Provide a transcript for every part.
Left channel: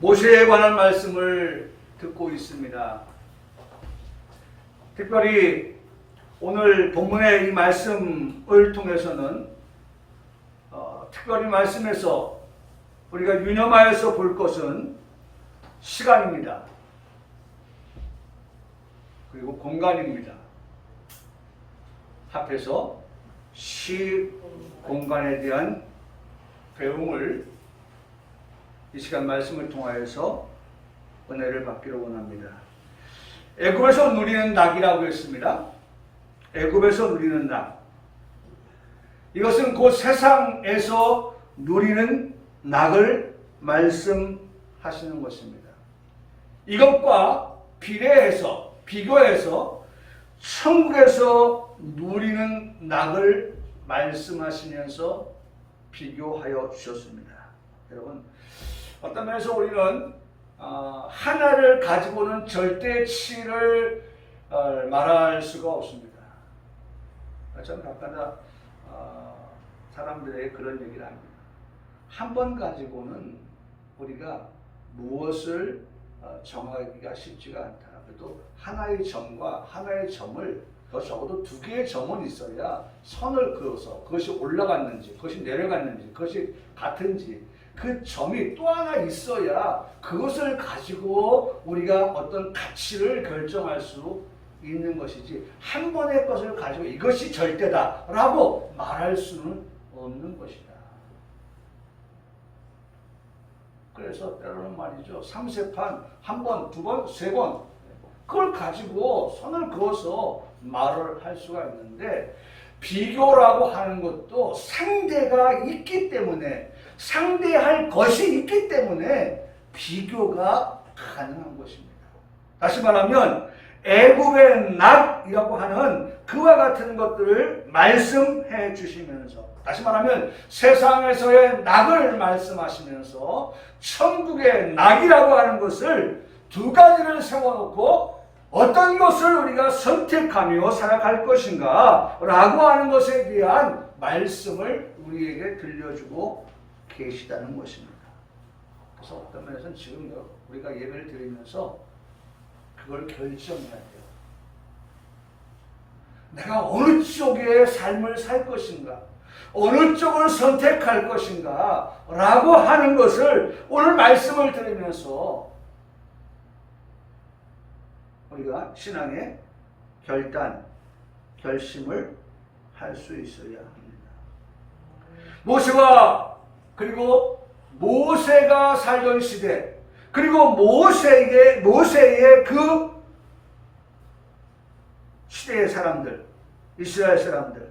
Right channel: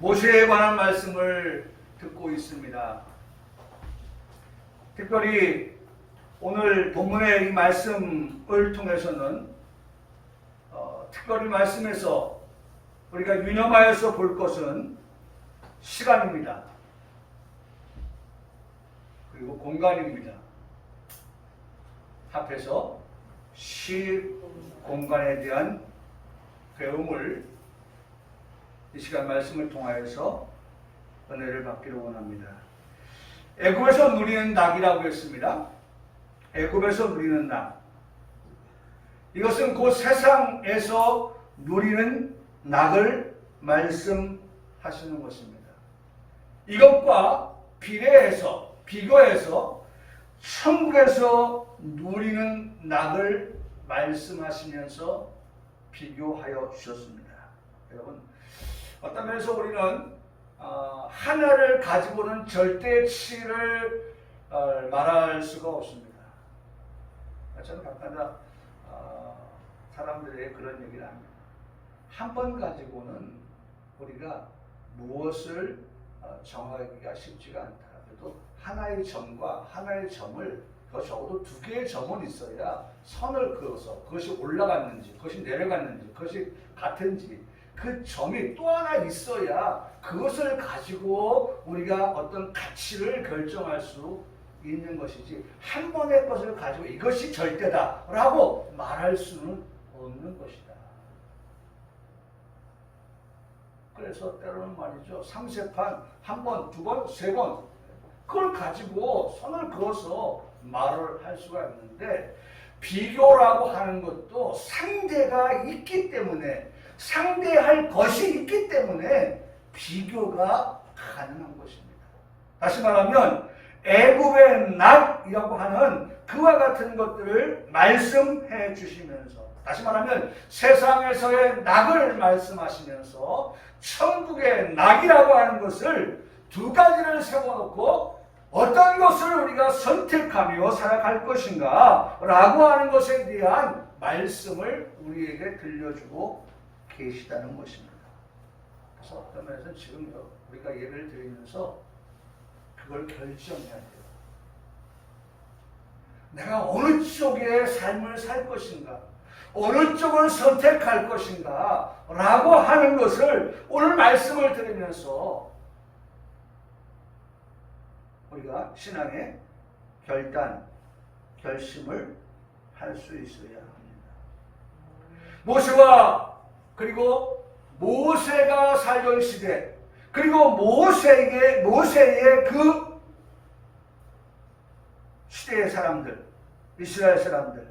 모세에 관한 말씀을 듣고 있습니다. 특별히 오늘 본문의 이 말씀을 통해서는 특별히 말씀에서 우리가 유념하여서 볼 것은 시간입니다. 그리고 공간입니다. 합해서 시, 공간에 대한 배움을 이 시간 말씀을 통하여서 은혜를 받기를 원합니다. 애굽에서 누리는 낙이라고 했습니다. 애굽에서 누리는 낙. 이것은 곧 세상에서 누리는 낙을 말씀하시는 것입니다. 이것과 비교해서 천국에서 누리는 낙을 말씀하시면서 비교하여 주셨습니다. 여러분, 어떤 면에서 우리는 하나를 가지고는 절대치를 말할 수가 없습니다. 저는 가끔가다 사람들에게 그런 얘기를 합니다. 한 번 가지고는 우리가 무엇을 정하기가 쉽지가 않다. 그래도 하나의 점과 하나의 점을 더 적어도 두 개의 점은 있어야 선을 그어서 그것이 올라갔는지 그것이 내려갔는지 그것이 같은지 그 점이 또 하나 있어야 그것을 가지고 우리가 어떤 가치를 결정할 수 있는 것이지 한 번의 것을 가지고 이것이 절대다 라고 말할 수는 없는 것이다. 그래서 때로는 말이죠. 삼세판 한 번, 두 번, 세 번 그걸 가지고 선을 그어서 말을 할 수가 있는데 비교라고 하는 것도 상대가 있기 때문에 상대할 것이 있기 때문에 비교가 가능한 것입니다. 다시 말하면 애굽의 낙이라고 하는 그와 같은 것들을 말씀해 주시면서 다시 말하면 세상에서의 낙을 말씀하시면서 천국의 낙이라고 하는 것을 두 가지를 세워놓고 어떤 것을 우리가 선택하며 살아갈 것인가 라고 하는 것에 대한 말씀을 우리에게 들려주고 계시다는 것입니다. 그래서 어떤 면에서는 지금 우리가 예배를 드리면서 그걸 결정해야 돼요. 내가 어느 쪽의 삶을 살 것인가, 어느 쪽을 선택할 것인가 라고 하는 것을 오늘 말씀을 들으면서 우리가 신앙의 결심을 할 수 있어야 합니다. 그리고 모세가 살던 시대, 그리고 모세의 그 시대의 사람들, 이스라엘 사람들.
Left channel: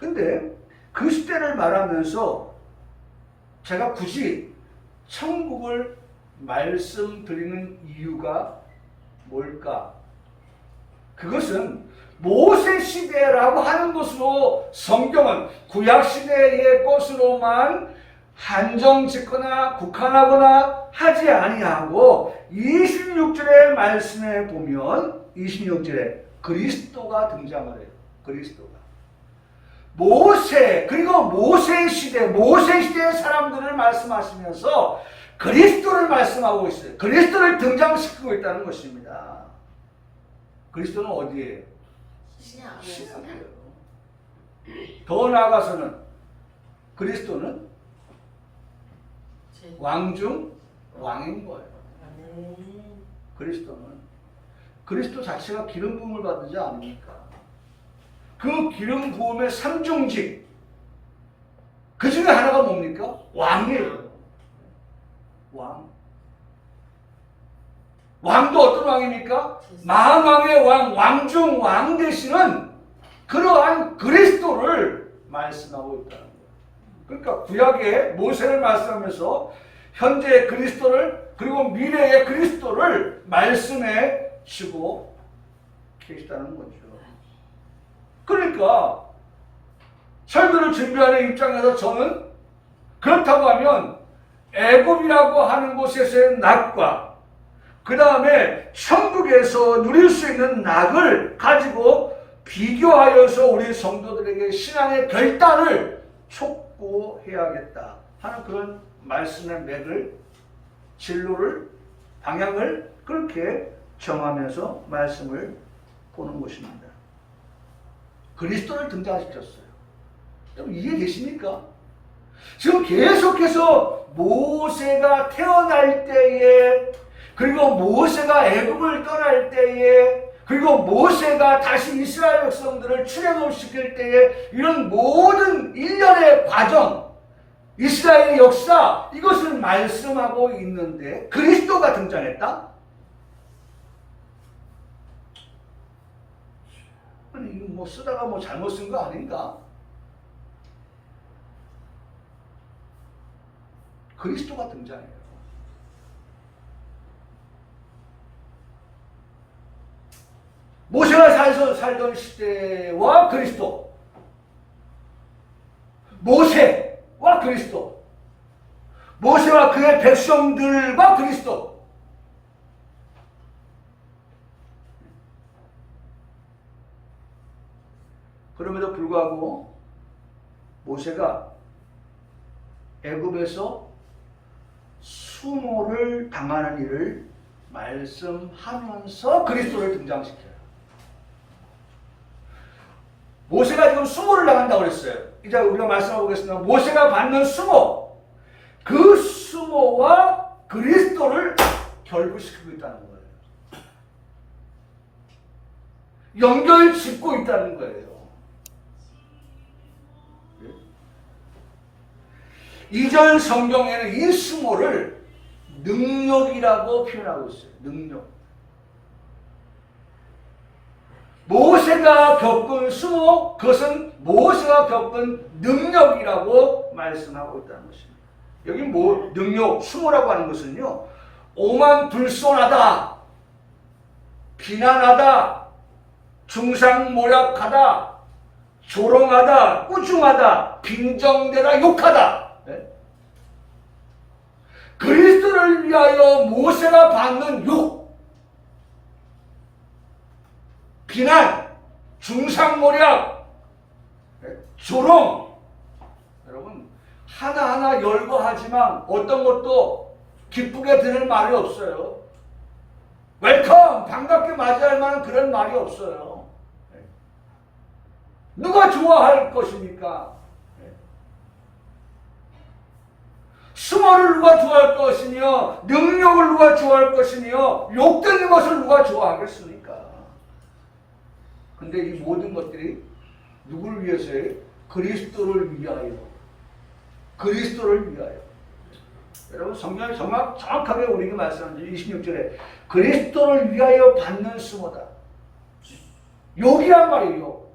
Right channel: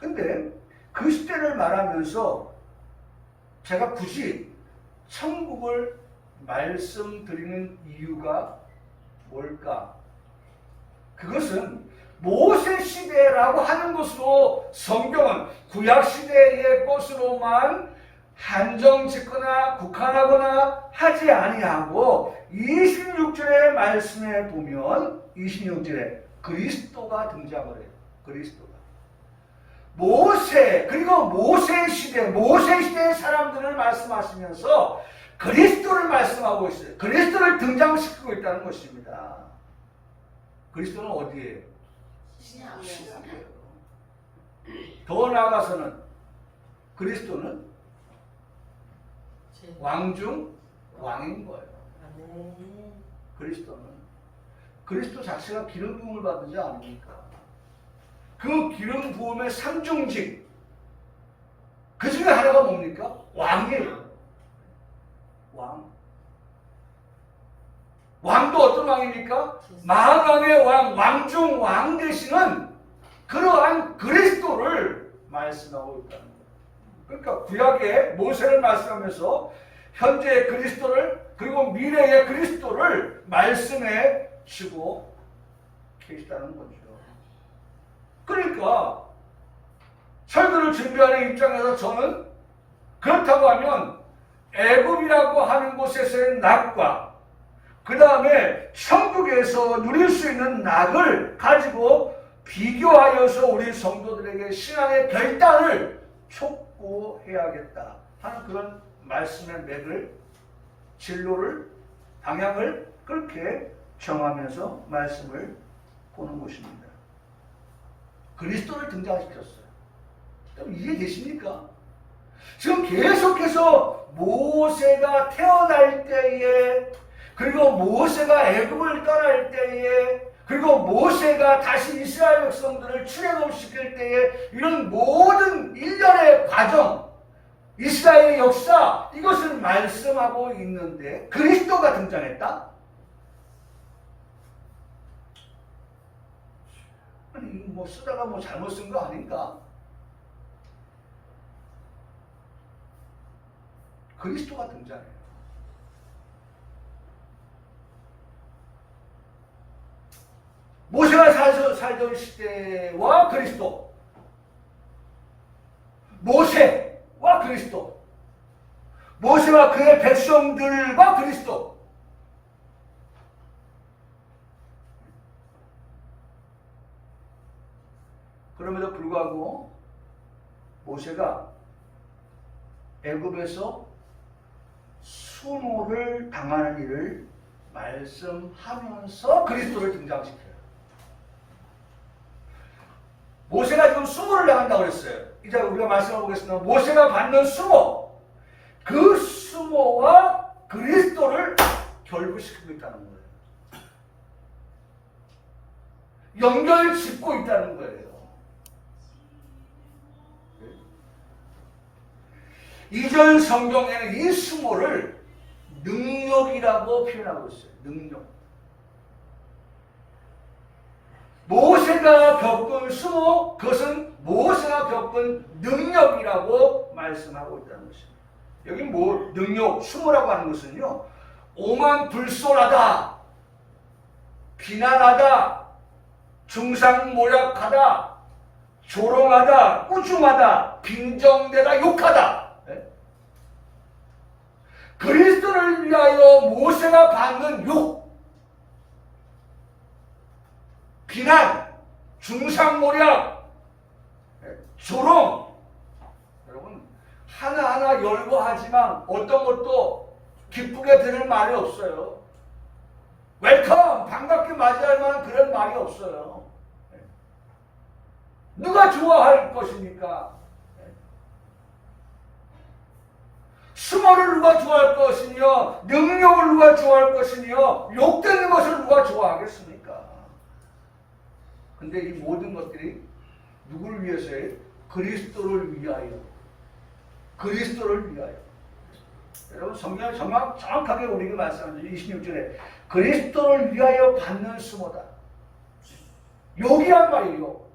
근데 그 시대를 말하면서 제가 굳이 천국을 말씀드리는 이유가 뭘까? 그것은 모세 시대라고 하는 것으로 성경은 구약 시대의 것으로만 한정 짓거나 국한하거나 하지 아니하고 26절의 말씀에 보면 26절에 그리스도가 등장을 해요. 그리스도가. 그리고 모세 시대의 사람들을 말씀하시면서 그리스도를 말씀하고 있어요. 그리스도를 등장시키고 있다는 것입니다. 그리스도는 어디에요? 신앙이에요. 더 나아가서는 그리스도는 왕 중 왕인 거예요. 그리스도 자체가 기름 부음을 받은 자 아닙니까? 그 기름 부음의 삼중직 그 중에 하나가 뭡니까? 왕이에요. 왕도 어떤 왕입니까? 만왕의 왕, 왕중 왕 되시는 그러한 그리스도를 말씀하고 있다는 거예요. 그러니까 구약의 모세를 말씀하면서 현재의 그리스도를 그리고 미래의 그리스도를 말씀해 주고 계시다는 거죠. 그러니까 설교를 준비하는 입장에서 저는 그렇다고 하면 애굽이라고 하는 곳에서의 낙과 그 다음에 천국에서 누릴 수 있는 낙을 가지고 비교하여서 우리 성도들에게 신앙의 결단을 촉구해야겠다 하는 그런 말씀의 맥을, 진로를, 방향을 그렇게 정하면서 말씀을 보는 것입니다. 그리스도를 등장시켰어요. 여러분 이해되십니까? 지금 계속해서 모세가 태어날 때에, 그리고 모세가 애굽을 떠날 때에, 그리고 모세가 다시 이스라엘 백성들을 출애굽시킬 때에 이런 모든 일련의 과정, 이스라엘의 역사, 이것을 말씀하고 있는데 그리스도가 등장했다? 아니 뭐 쓰다가 뭐 잘못 쓴 거 아닌가? 그리스도가 등장해요. 모세가 살던 시대와 그리스도, 모세와 그리스도, 모세와 그의 백성들과 그리스도. 그럼에도 불구하고 모세가 애굽에서 수모를 당하는 일을 말씀하면서 그리스도를 등장시켜요. 모세가 지금 수모를 당한다고 했어요. 이제 우리가 말씀하고 보겠습니다. 모세가 받는 수모, 그 수모와 그리스도를 결부시키고 있다는 거예요. 연결 짓고 있다는 거예요. 이전 성경에는 이 수모를 능력이라고 표현하고 있어요. 능력. 모세가 겪은 수모, 그것은 모세가 겪은 능력이라고 말씀하고 있다는 것입니다. 여기 뭐 능력, 수모라고 하는 것은요, 오만불손하다, 비난하다, 중상모략하다, 조롱하다, 꾸중하다, 빈정대다, 욕하다. 그리스도를 위하여 모세가 받는 욕, 비난, 중상모략, 조롱. 여러분 하나하나 열거하지만 어떤 것도 기쁘게 들을 말이 없어요. 웰컴, 반갑게 맞이할 만한 그런 말이 없어요. 누가 좋아할 것입니까? 수모를 누가 좋아할 것이며, 능력을 누가 좋아할 것이며, 욕되는 것을 누가 좋아하겠습니까? 근데 이 모든 것들이 누구를 위해서요? 그리스도를 위하여. 그리스도를 위하여. 여러분 성경이 정확하게 우리에게 말씀합니다. 26절에 그리스도를 위하여 받는 수모다. 욕이란 말이에요.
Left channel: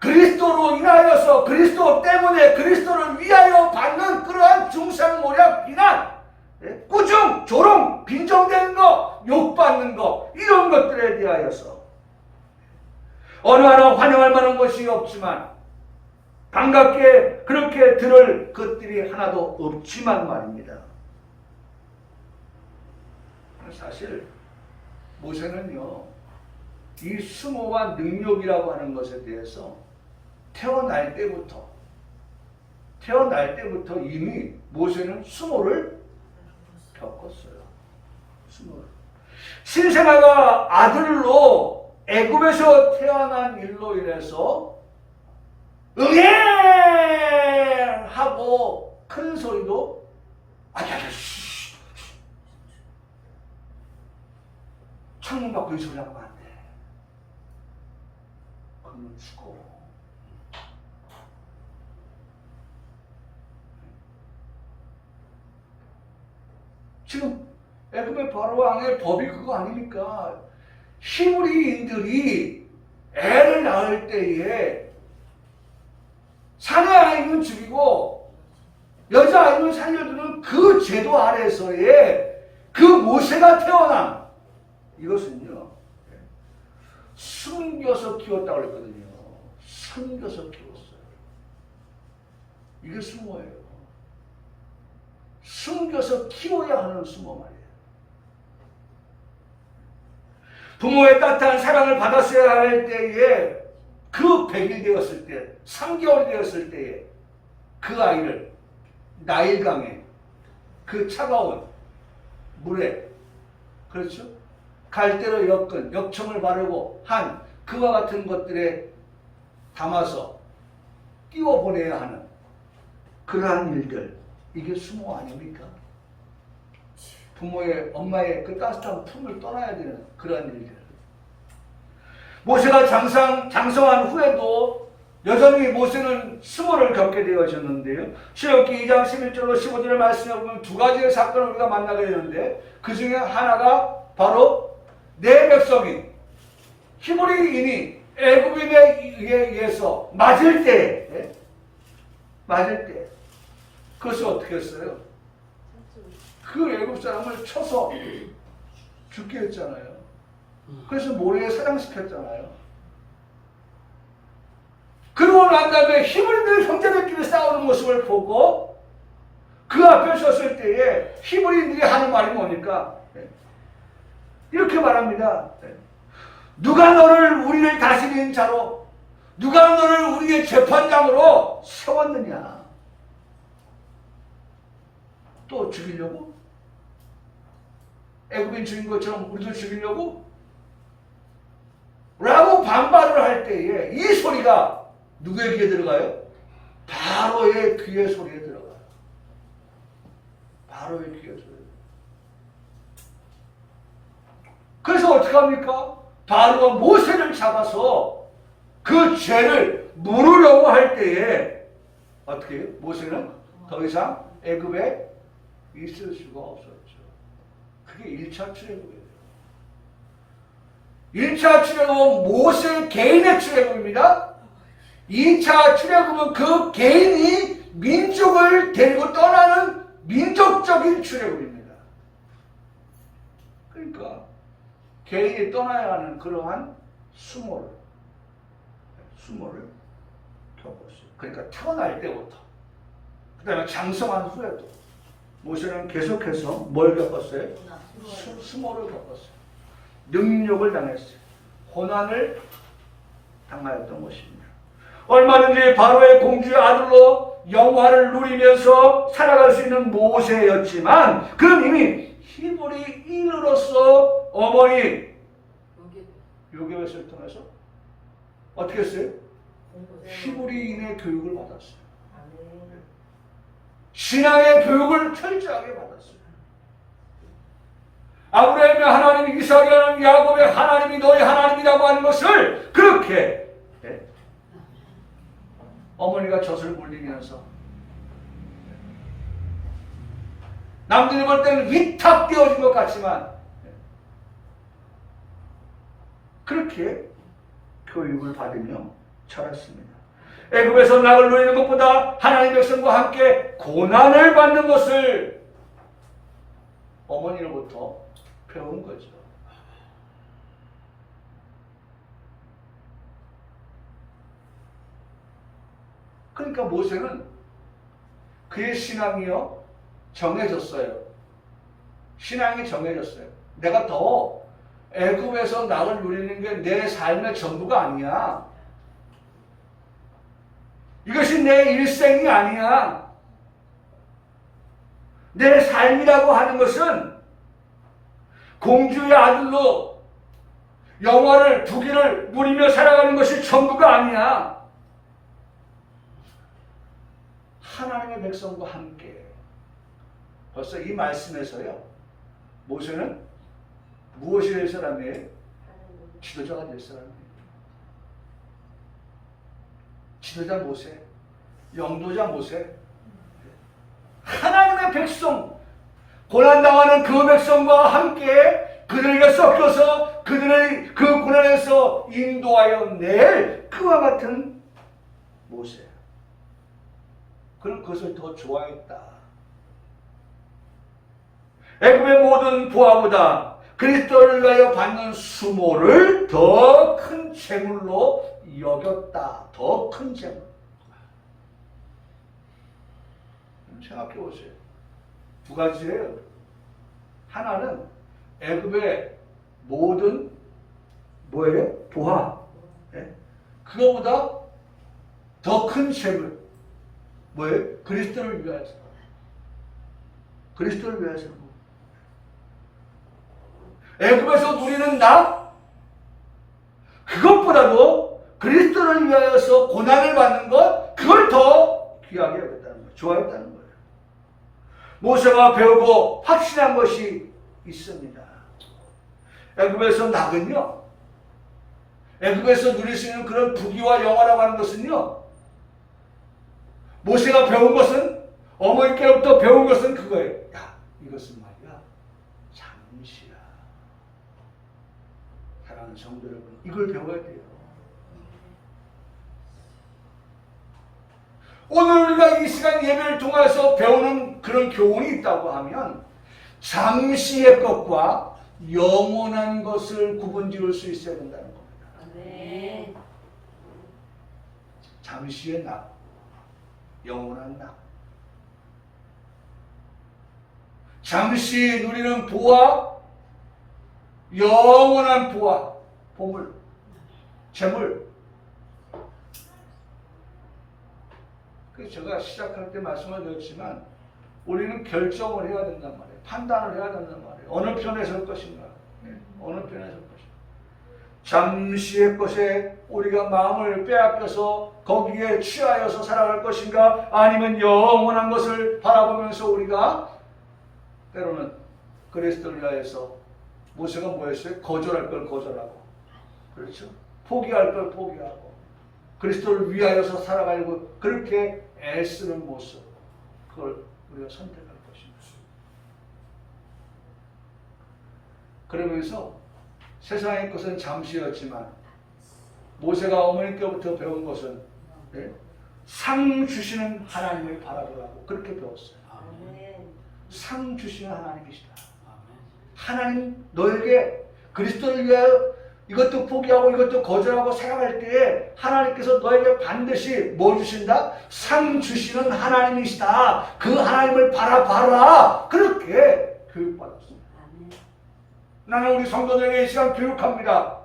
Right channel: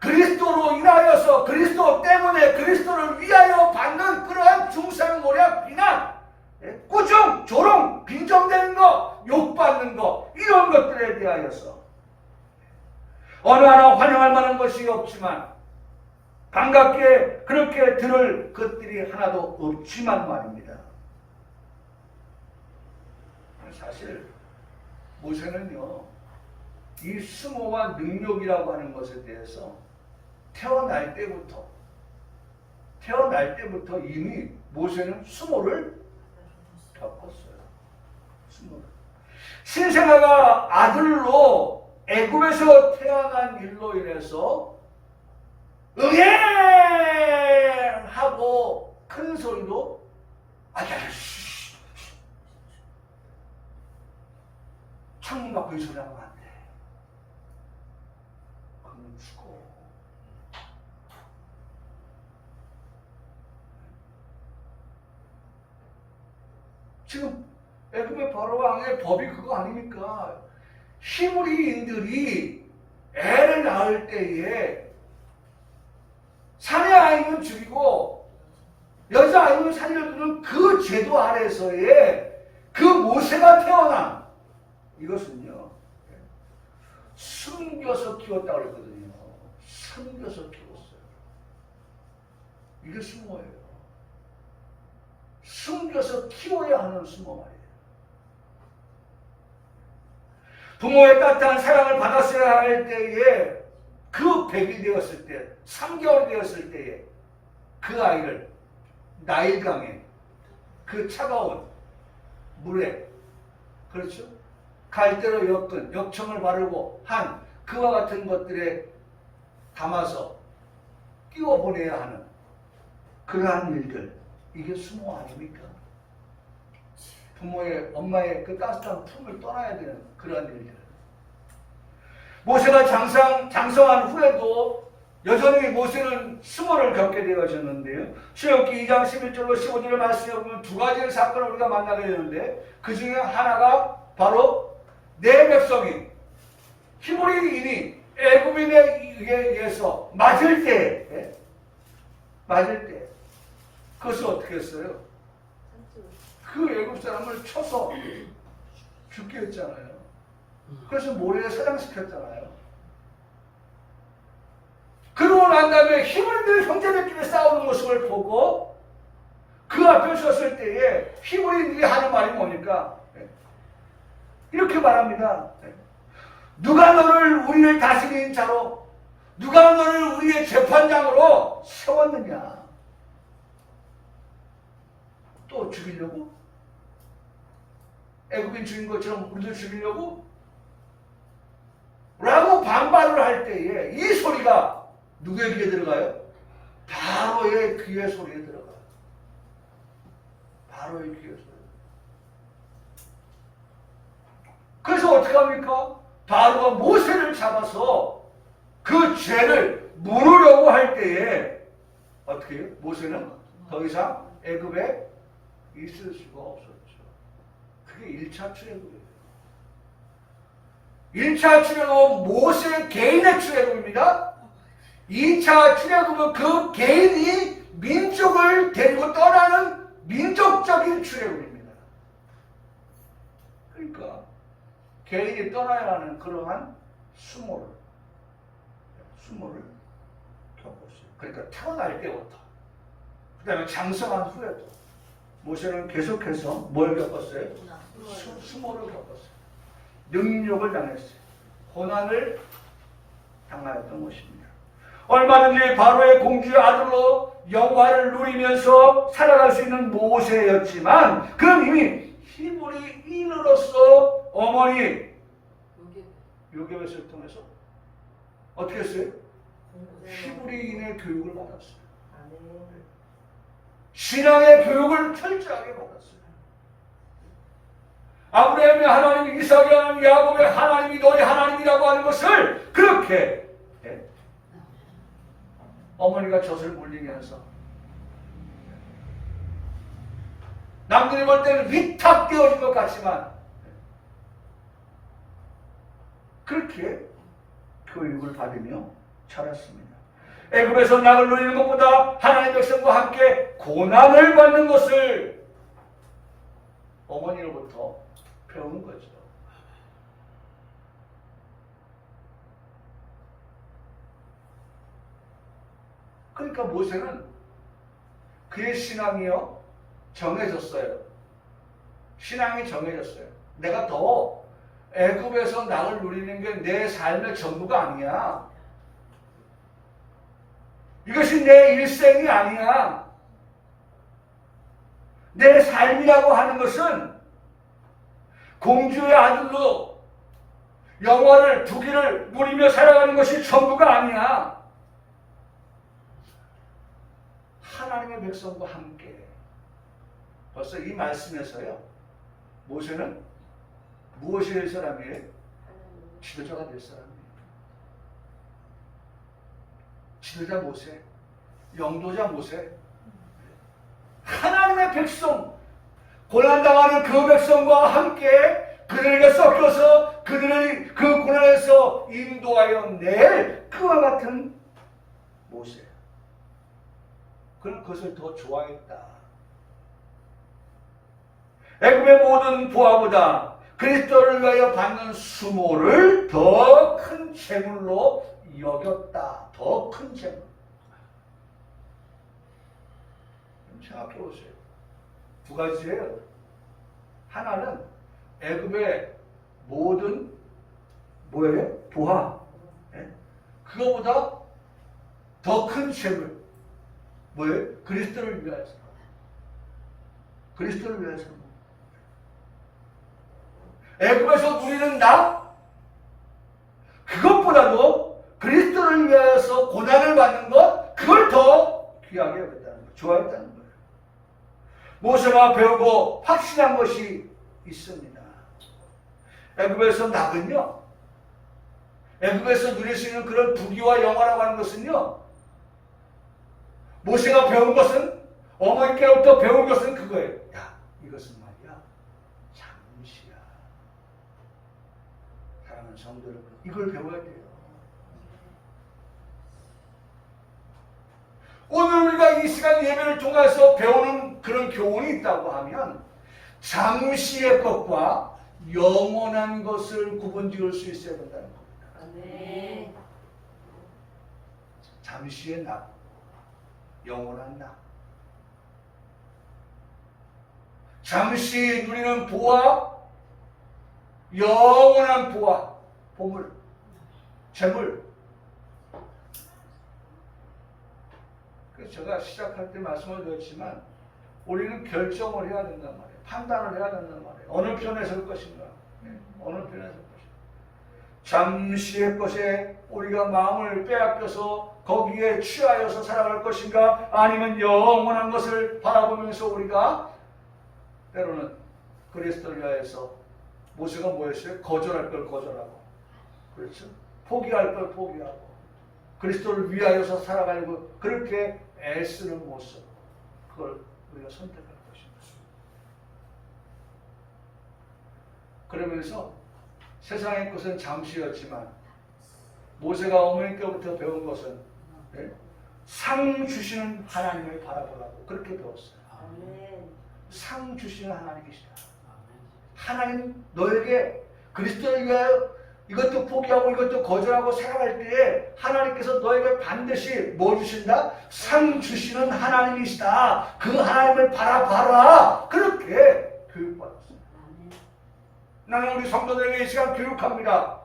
그리스도로 인하여서, 그리스도 때문에 그리스도를 위하여 받는 그러한 중상모략, 비난, 꾸중, 조롱, 빈정되는 것, 욕받는 것, 이런 것들에 대하여서 어느 하나 환영할 만한 것이 없지만, 반갑게 그렇게 들을 것들이 하나도 없지만 말입니다. 사실 모세는요, 이 수모와 능력이라고 하는 것에 대해서 태어날 때부터 이미 모세는 수모를 겪었어요. 수모를. 신생아가 아들로 애굽에서 태어난 일로 인해서 응애하고 큰 소리도 창문 밖으로 소리 나면 안 돼. 그러면 죽어. 지금 애굽의 바로 왕의 법이 그거 아닙니까? 히브리인들이 애를 낳을 때에 사내 아이는 죽이고 여자 아이는 살려두는 그 제도 아래서의 그 모세가 태어난, 이것은요, 숨겨서 키웠다고 그랬거든요. 숨겨서 키웠어요. 이게 수모예요. 숨겨서 키워야 하는 수모 말이에요. 부모의 따뜻한 사랑을 받았어야 할 때에, 그 100일 되었을 때, 3개월 되었을 때에 그 아이를 나일강에 그 차가운 물에, 그렇죠? 갈대로 엮은 역청을 바르고 한 그와 같은 것들에 담아서 띄워보내야 하는 그러한 일들, 이게 수모 아닙니까? 부모의, 엄마의 그 따뜻한 품을 떠나야 되는 그런 일들. 모세가 장성한 후에도 여전히 모세는 수모를 겪게 되어졌는데요. 출애굽기 2장 11절로 15절의 말씀에 보면 두 가지의 사건을 우리가 만나게 되는데, 그 중에 하나가 바로 내 백성이 히브리인이 애굽인에 의해서 맞을 때 그것을 어떻게 했어요? 그 애굽 사람을 쳐서 죽게 했잖아요. 그래서 모래에 사장시켰잖아요. 그러고 난 다음에 히브리인들이 형제들끼리 싸우는 모습을 보고 그 앞에 섰을 때에 히브리인들이 하는 말이 뭡니까? 이렇게 말합니다. 누가 너를 우리를 다스리는 자로, 누가 너를 우리의 재판장으로 세웠느냐? 또 죽이려고? 애굽인 죽인 것처럼 우리도 죽이려고? 라고 반발을 할 때에 이 소리가 누구의 귀에 들어가요? 바로의 귀의 소리에 들어가요. 바로의 귀의 소리. 그래서 어떻게 합니까? 바로가 모세를 잡아서 그 죄를 물으려고 할 때에 어떻게 해요? 모세는 더 이상 애굽에 있을 수가 없었죠. 그게 1차 출애굽이에요. 1차 출애굽은 모세 개인의 출애굽입니다. 2차 출애굽은 그 개인이 민족을 데리고 떠나는 민족적인 출애굽입니다. 그러니까 개인이 떠나야 하는 그러한 수모를 겪었어요. 그러니까 태어날 때부터, 그 다음에 장성한 후에도 모세는 계속해서 뭘 겪었어요? 수모를 겪었어요. 능욕을 당했어요. 고난을 당하였던 것입니다. 얼마든지 바로의 공주의 아들로 영화를 누리면서 살아갈 수 있는 모세였지만 그는 이미 히브리인으로서 어머니 요괴벳을 통해서 어떻게 했어요? 히브리인의 교육을 받았어요. 신앙의 교육을 철저하게 받았어요. 아브라함의 하나님, 이삭의 하나님, 야곱의 하나님이 너희 하나님이라고 하는 것을 그렇게 어머니가 젖을 물리면서 남들이 볼 때는 위탁되어진 것 같지만 그렇게 교육을 받으며 자랐습니다. 애굽에서 낙을 누리는 것보다 하나님의 백성과 함께 고난을 받는 것을 어머니로부터 배운 거죠. 그러니까 모세는 그의 신앙이요 정해졌어요. 신앙이 정해졌어요. 내가 더 애굽에서 낙을 누리는 게 내 삶의 전부가 아니야. 이것이 내 일생이 아니야. 내 삶이라고 하는 것은 공주의 아들로 영화를 부귀를 누리며 살아가는 것이 전부가 아니야. 하나님의 백성과 함께. 벌써 이 말씀에서요, 모세는 무엇이 될 사람이에요? 지도자가 될 사람이에요. 지도자 모세, 영도자 모세. 하나님의 백성, 고난당하는 그 백성과 함께 그들에게 섞여서 그들의 그 고난에서 인도하여 낼 그와 같은 모세. 그는 그것을 더 좋아했다. 애굽의 모든 부하보다 그리스도를 위하여 받는 수모를 더 큰 재물로 여겼다. 더 큰 재물. 생각해 보세요. 두 가지예요. 하나는 애굽의 모든 뭐예요? 부하. 그거보다 더 큰 재물. 뭐예요? 그리스도를 위하여서. 그리스도를 위해서. 애굽에서 누리는 나, 그것보다도 그리스도를 위해서 고난을 받는 것, 그걸 더 귀하게 여겼다는 거예요. 좋아했다는 거예요. 모세가 배우고 확신한 것이 있습니다. 애굽에서 낙은요, 애굽에서 누릴 수 있는 그런 부귀와 영화라고 하는 것은요, 모세가 배운 것은, 어머니께로부터 배운 것은 그거예요. 야, 이것은 말이야, 잠시야. 사랑하는 성도 여러분, 이걸 배워야 돼요. 오늘 우리가 이 시간 예배를 통해서 배우는 그런 교훈이 있다고 하면, 잠시의 것과 영원한 것을 구분지을 수 있어야 된다는 겁니다. 네. 잠시의 낙, 영원한 낙. 잠시 누리는 부와 영원한 부와 보물, 재물. 그래서 제가 시작할 때 말씀을 드렸지만 우리는 결정을 해야 된단 말이에요. 판단을 해야 된단 말이에요. 어느 편에 설 것인가? 어느 편에 설 것인가? 잠시의 것에 우리가 마음을 빼앗겨서 거기에 취하여서 살아갈 것인가? 아니면 영원한 것을 바라보면서 우리가 때로는 그리스도를 위하여서 모세가 뭐였어요? 거절할 걸 거절하고, 그렇죠? 포기할 걸 포기하고, 그리스도를 위하여서 살아가려고 그렇게 애쓰는 모습, 그걸 우리가 선택할 것입니다. 그러면서 세상의 것은 잠시였지만 모세가 어머니께로부터 배운 것은 상 주시는 하나님을 바라보라고 그렇게 배웠어요. 상 주시는 하나님이시다. 하나님 너에게 그리스도를 위하여 이것도 포기하고 이것도 거절하고 살아갈 때에 하나님께서 너에게 반드시 뭐 주신다? 상 주시는 하나님이시다. 그 하나님을 바라봐라. 그렇게 교육받았습니다. 나는 우리 성도들에게 이 시간 교육합니다.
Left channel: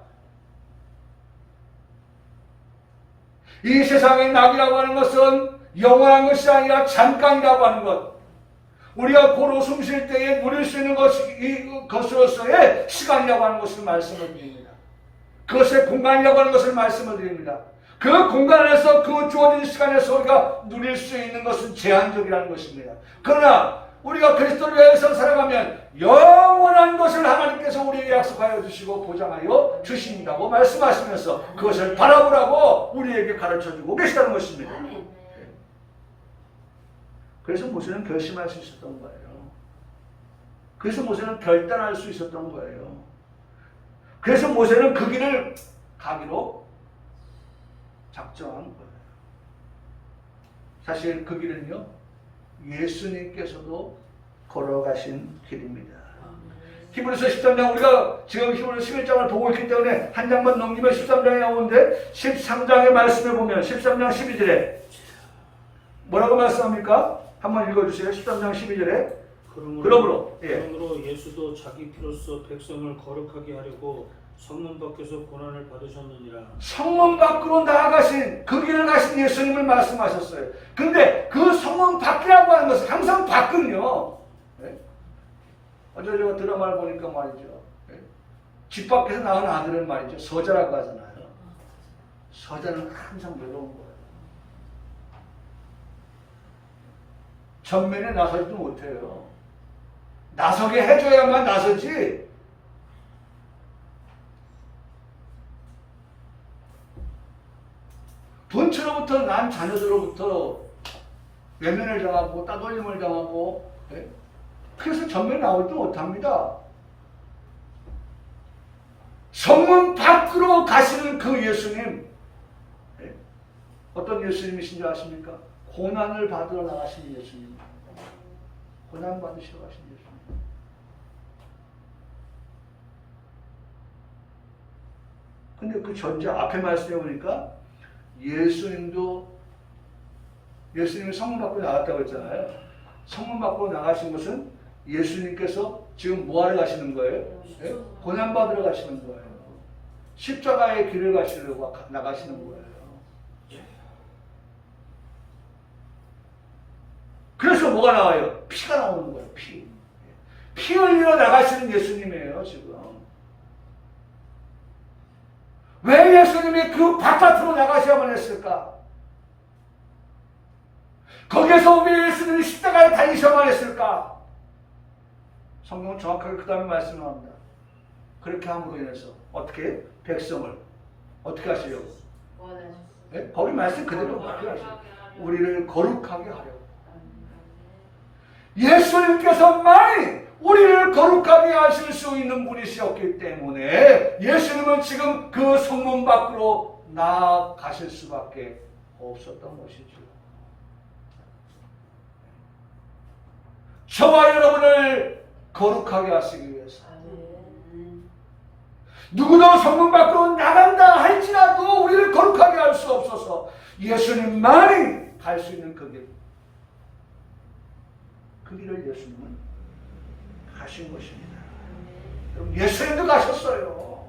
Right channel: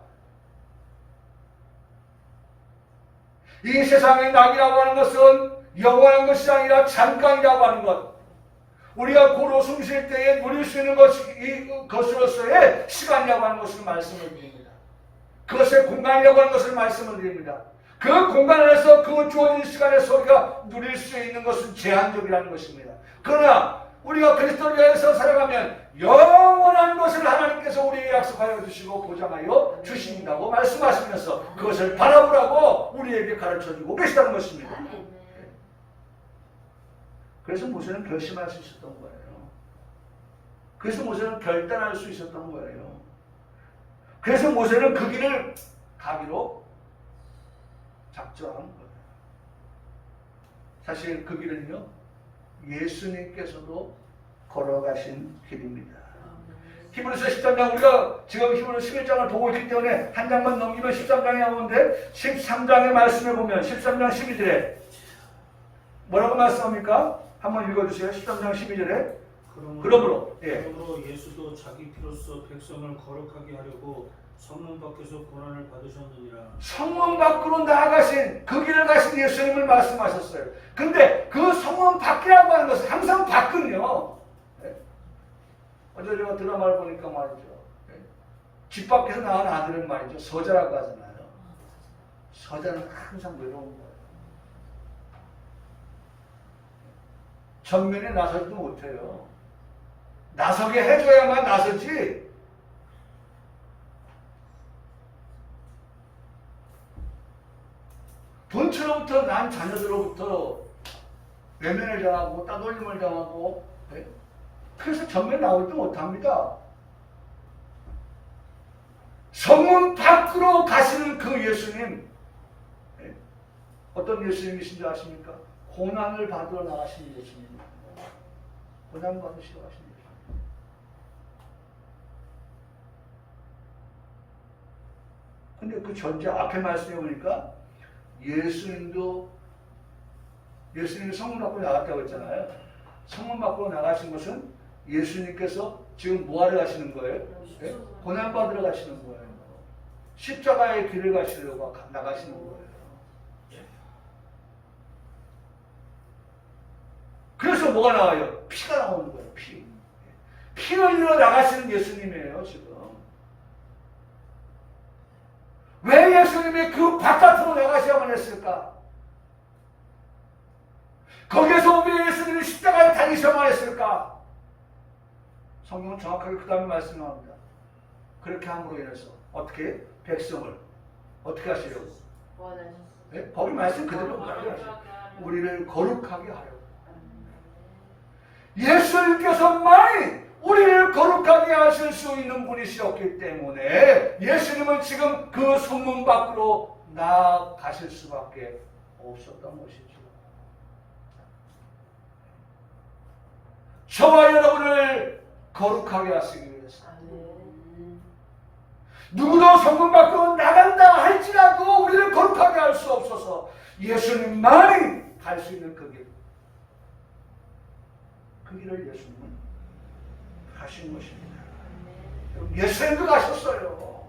이 세상의 낙이라고 하는 것은 영원한 것이 아니라 잠깐이라고 하는 것. 우리가 고로 숨 쉴 때에 누릴 수 있는 것으로서의 시간이라고 하는 것을 말씀을 드립니다. 그것의 공간이라고 하는 것을 말씀을 드립니다. 그 공간 안에서 그 주어진 시간에서 우리가 누릴 수 있는 것은 제한적이라는 것입니다. 그러나 우리가 그리스도를 위해서 살아가면 영원한 것을 하나님께서 우리에게 약속하여 주시고 보장하여 주신다고 말씀하시면서 그것을 바라보라고 우리에게 가르쳐주고 계시다는 것입니다. 그래서 모세는 결심할 수 있었던 거예요. 그래서 모세는 결단할 수 있었던 거예요. 그래서 모세는 그 길을 가기로 작정한 거예요. 사실 그 길은요, 예수님께서도 걸어가신 길입니다. 히브리서 13장, 우리가 지금 히브리서 11장을 보고 있기 때문에 한 장만 넘기면 13장이 나오는데 13장의 말씀을 보면 13장 12절에 뭐라고 말씀합니까? 한번 읽어주세요. 13장 12절에 그러므로 예수도 자기 피로써 백성을 거룩하게 하려고 성문 밖에서 고난을 받으셨느니라. 성문 밖으로 나아가신 그 길을 가신 예수님을 말씀하셨어요. 근데 그 성문 밖이라고 하는 것은 항상 밖은요, 어제 제가 드라마를 보니까 말이죠, 집 밖에서 낳은 아들은 말이죠, 서자라고 하잖아요. 서자는 항상 외로운 거예요. 전면에 나서지도 못해요. 나서게 해줘야만 나서지. 본처로부터 난 자녀들로부터 외면을 당하고 따돌림을 당하고, 그래서 전면에 나오지 못합니다. 성문 밖으로 가시는 그 예수님, 어떤 예수님이신 줄 아십니까? 고난을 받으러 나가신 예수님입니다. 고난 받으시러 가신 예수님. 근데 그 전제 앞에 말씀해 보니까 예수님이 성문 밖으로 나갔다고 했잖아요. 성문 밖으로 나가신 것은 예수님께서 지금 뭐하러 가시는 거예요? 고난 받으러 가시는 거예요. 십자가의 길을 가시려고 나가시는 거예요. 그래서 거기서 뭐가 나와요? 피가 나오는 거예요. 피 흘리러 나가시는 예수님이에요. 지금 왜 예수님이 그 바깥으로 나가셔야만 했을까? 거기에서 왜 예수님이 십자가에 달리셔야만 했을까? 성경은 정확하게 그 다음에 말씀합니다. 그렇게 함으로 인해서 어떻게 백성을 어떻게 하시려고? 네? 거기 말씀 그대로 하시려고. 우리를 거룩하게 하려고. 예수님께서만이 우리를 거룩하게 하실 수 있는 분이셨기 때문에 예수님은 지금 그 성문 밖으로 나가실 수밖에 없었던 것이죠. 저와 여러분을 거룩하게 하시기 위해서 누구도 성문 밖으로 나간다 할지라도 우리를 거룩하게 할 수 없어서 예수님만이 갈 수 있는 그 길, 그 길을 예수님은 가신 것입니다. 예수님도 가셨어요.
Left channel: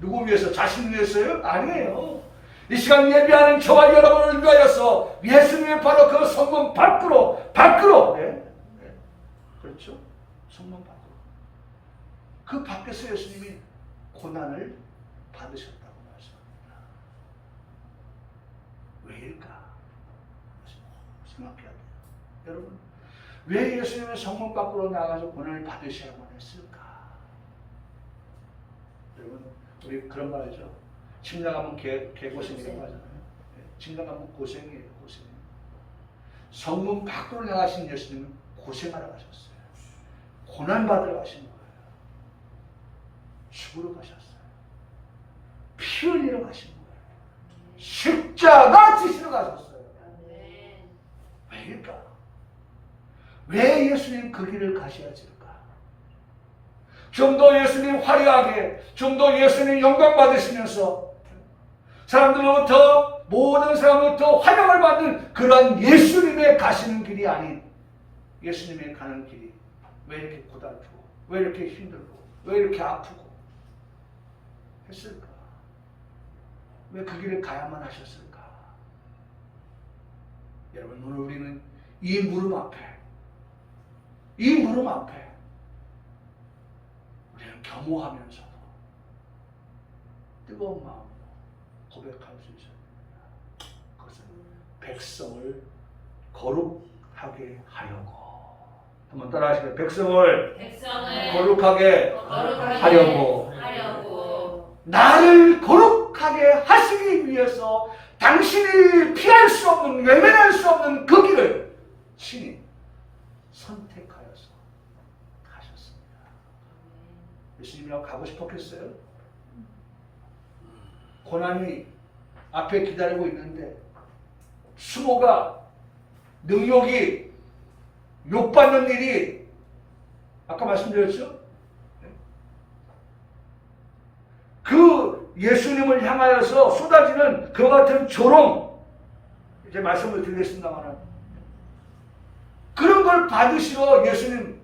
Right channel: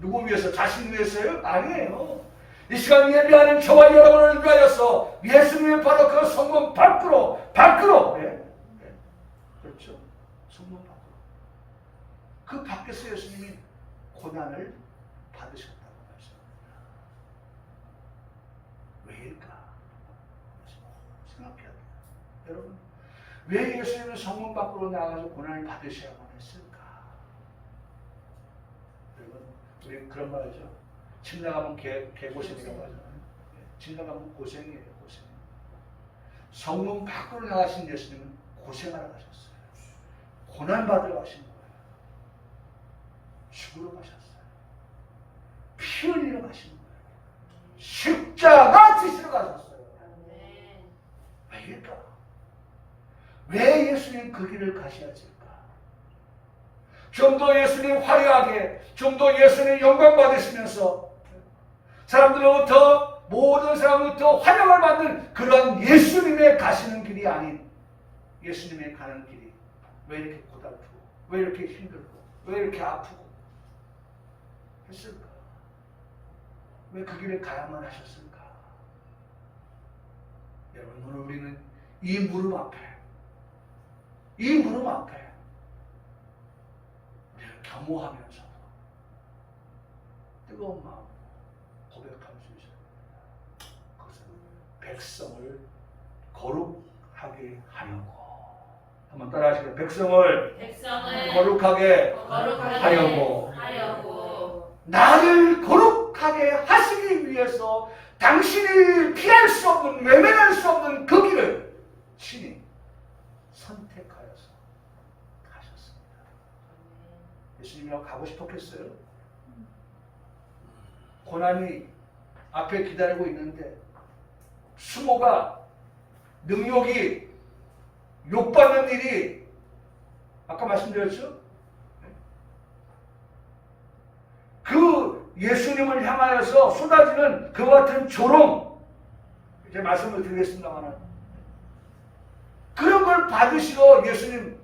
누구 위해서? 자신 위해서요? 아니에요. 이 시간 예배하는 저와 여러분을 위하여서 예수님이 바로 그 성문 밖으로 그렇죠? 성문 밖으로 그 밖에서 예수님이 고난을 받으셨다고 말씀합니다. 왜일까? 생각해야 돼요. 여러분, 왜 예수님은 성문 밖으로 나가서 고난을 받으셔야만 했을까? 여러분, 우리 그런 말 하죠. 집 나가면 개고생이라고 하잖아요. 집 나가면 고생이에요, 고생. 성문 밖으로 나가신 예수님은 고생하러 가셨어요. 고난받으러 가신 거예요. 죽으러 가셨어요. 피 흘리러 가신 거예요. 십자가 지시러 가셨어요. 왜일까? 왜 예수님 그 길을 가셔야 할까? 좀 더 예수님 화려하게, 좀 더 예수님 영광 받으시면서 사람들로부터, 모든 사람으로부터 환영을 받는 그런 예수님의 가시는 길이 아닌 예수님의 가는 길이 왜 이렇게 고달프고, 왜 이렇게 힘들고, 왜 이렇게 아프고 했을까? 왜 그 길을 가야만 하셨을까? 여러분, 오늘 우리는 이 무릎 앞에 우리는 겸허하면서도 뜨거운 마음으로 고백할 수 있어야 됩니다. 그것은 백성을 거룩하게 하려고. 한번 따라하시죠. 백성을 거룩하게 하려고. 나를 거룩하게 하시기 위해서 당신이 피할 수 없는, 외면할 수 없는 그 길을 신이 선택하여서 가셨습니다. 예수님이랑 가고 싶었겠어요? 고난이 앞에 기다리고 있는데 수모가 능욕이 욕받는 일이 아까 말씀드렸죠? 그 예수님을 향하여서 쏟아지는 그 같은 조롱, 이제 말씀을 드리겠습니다만 그런 걸 받으시러 예수님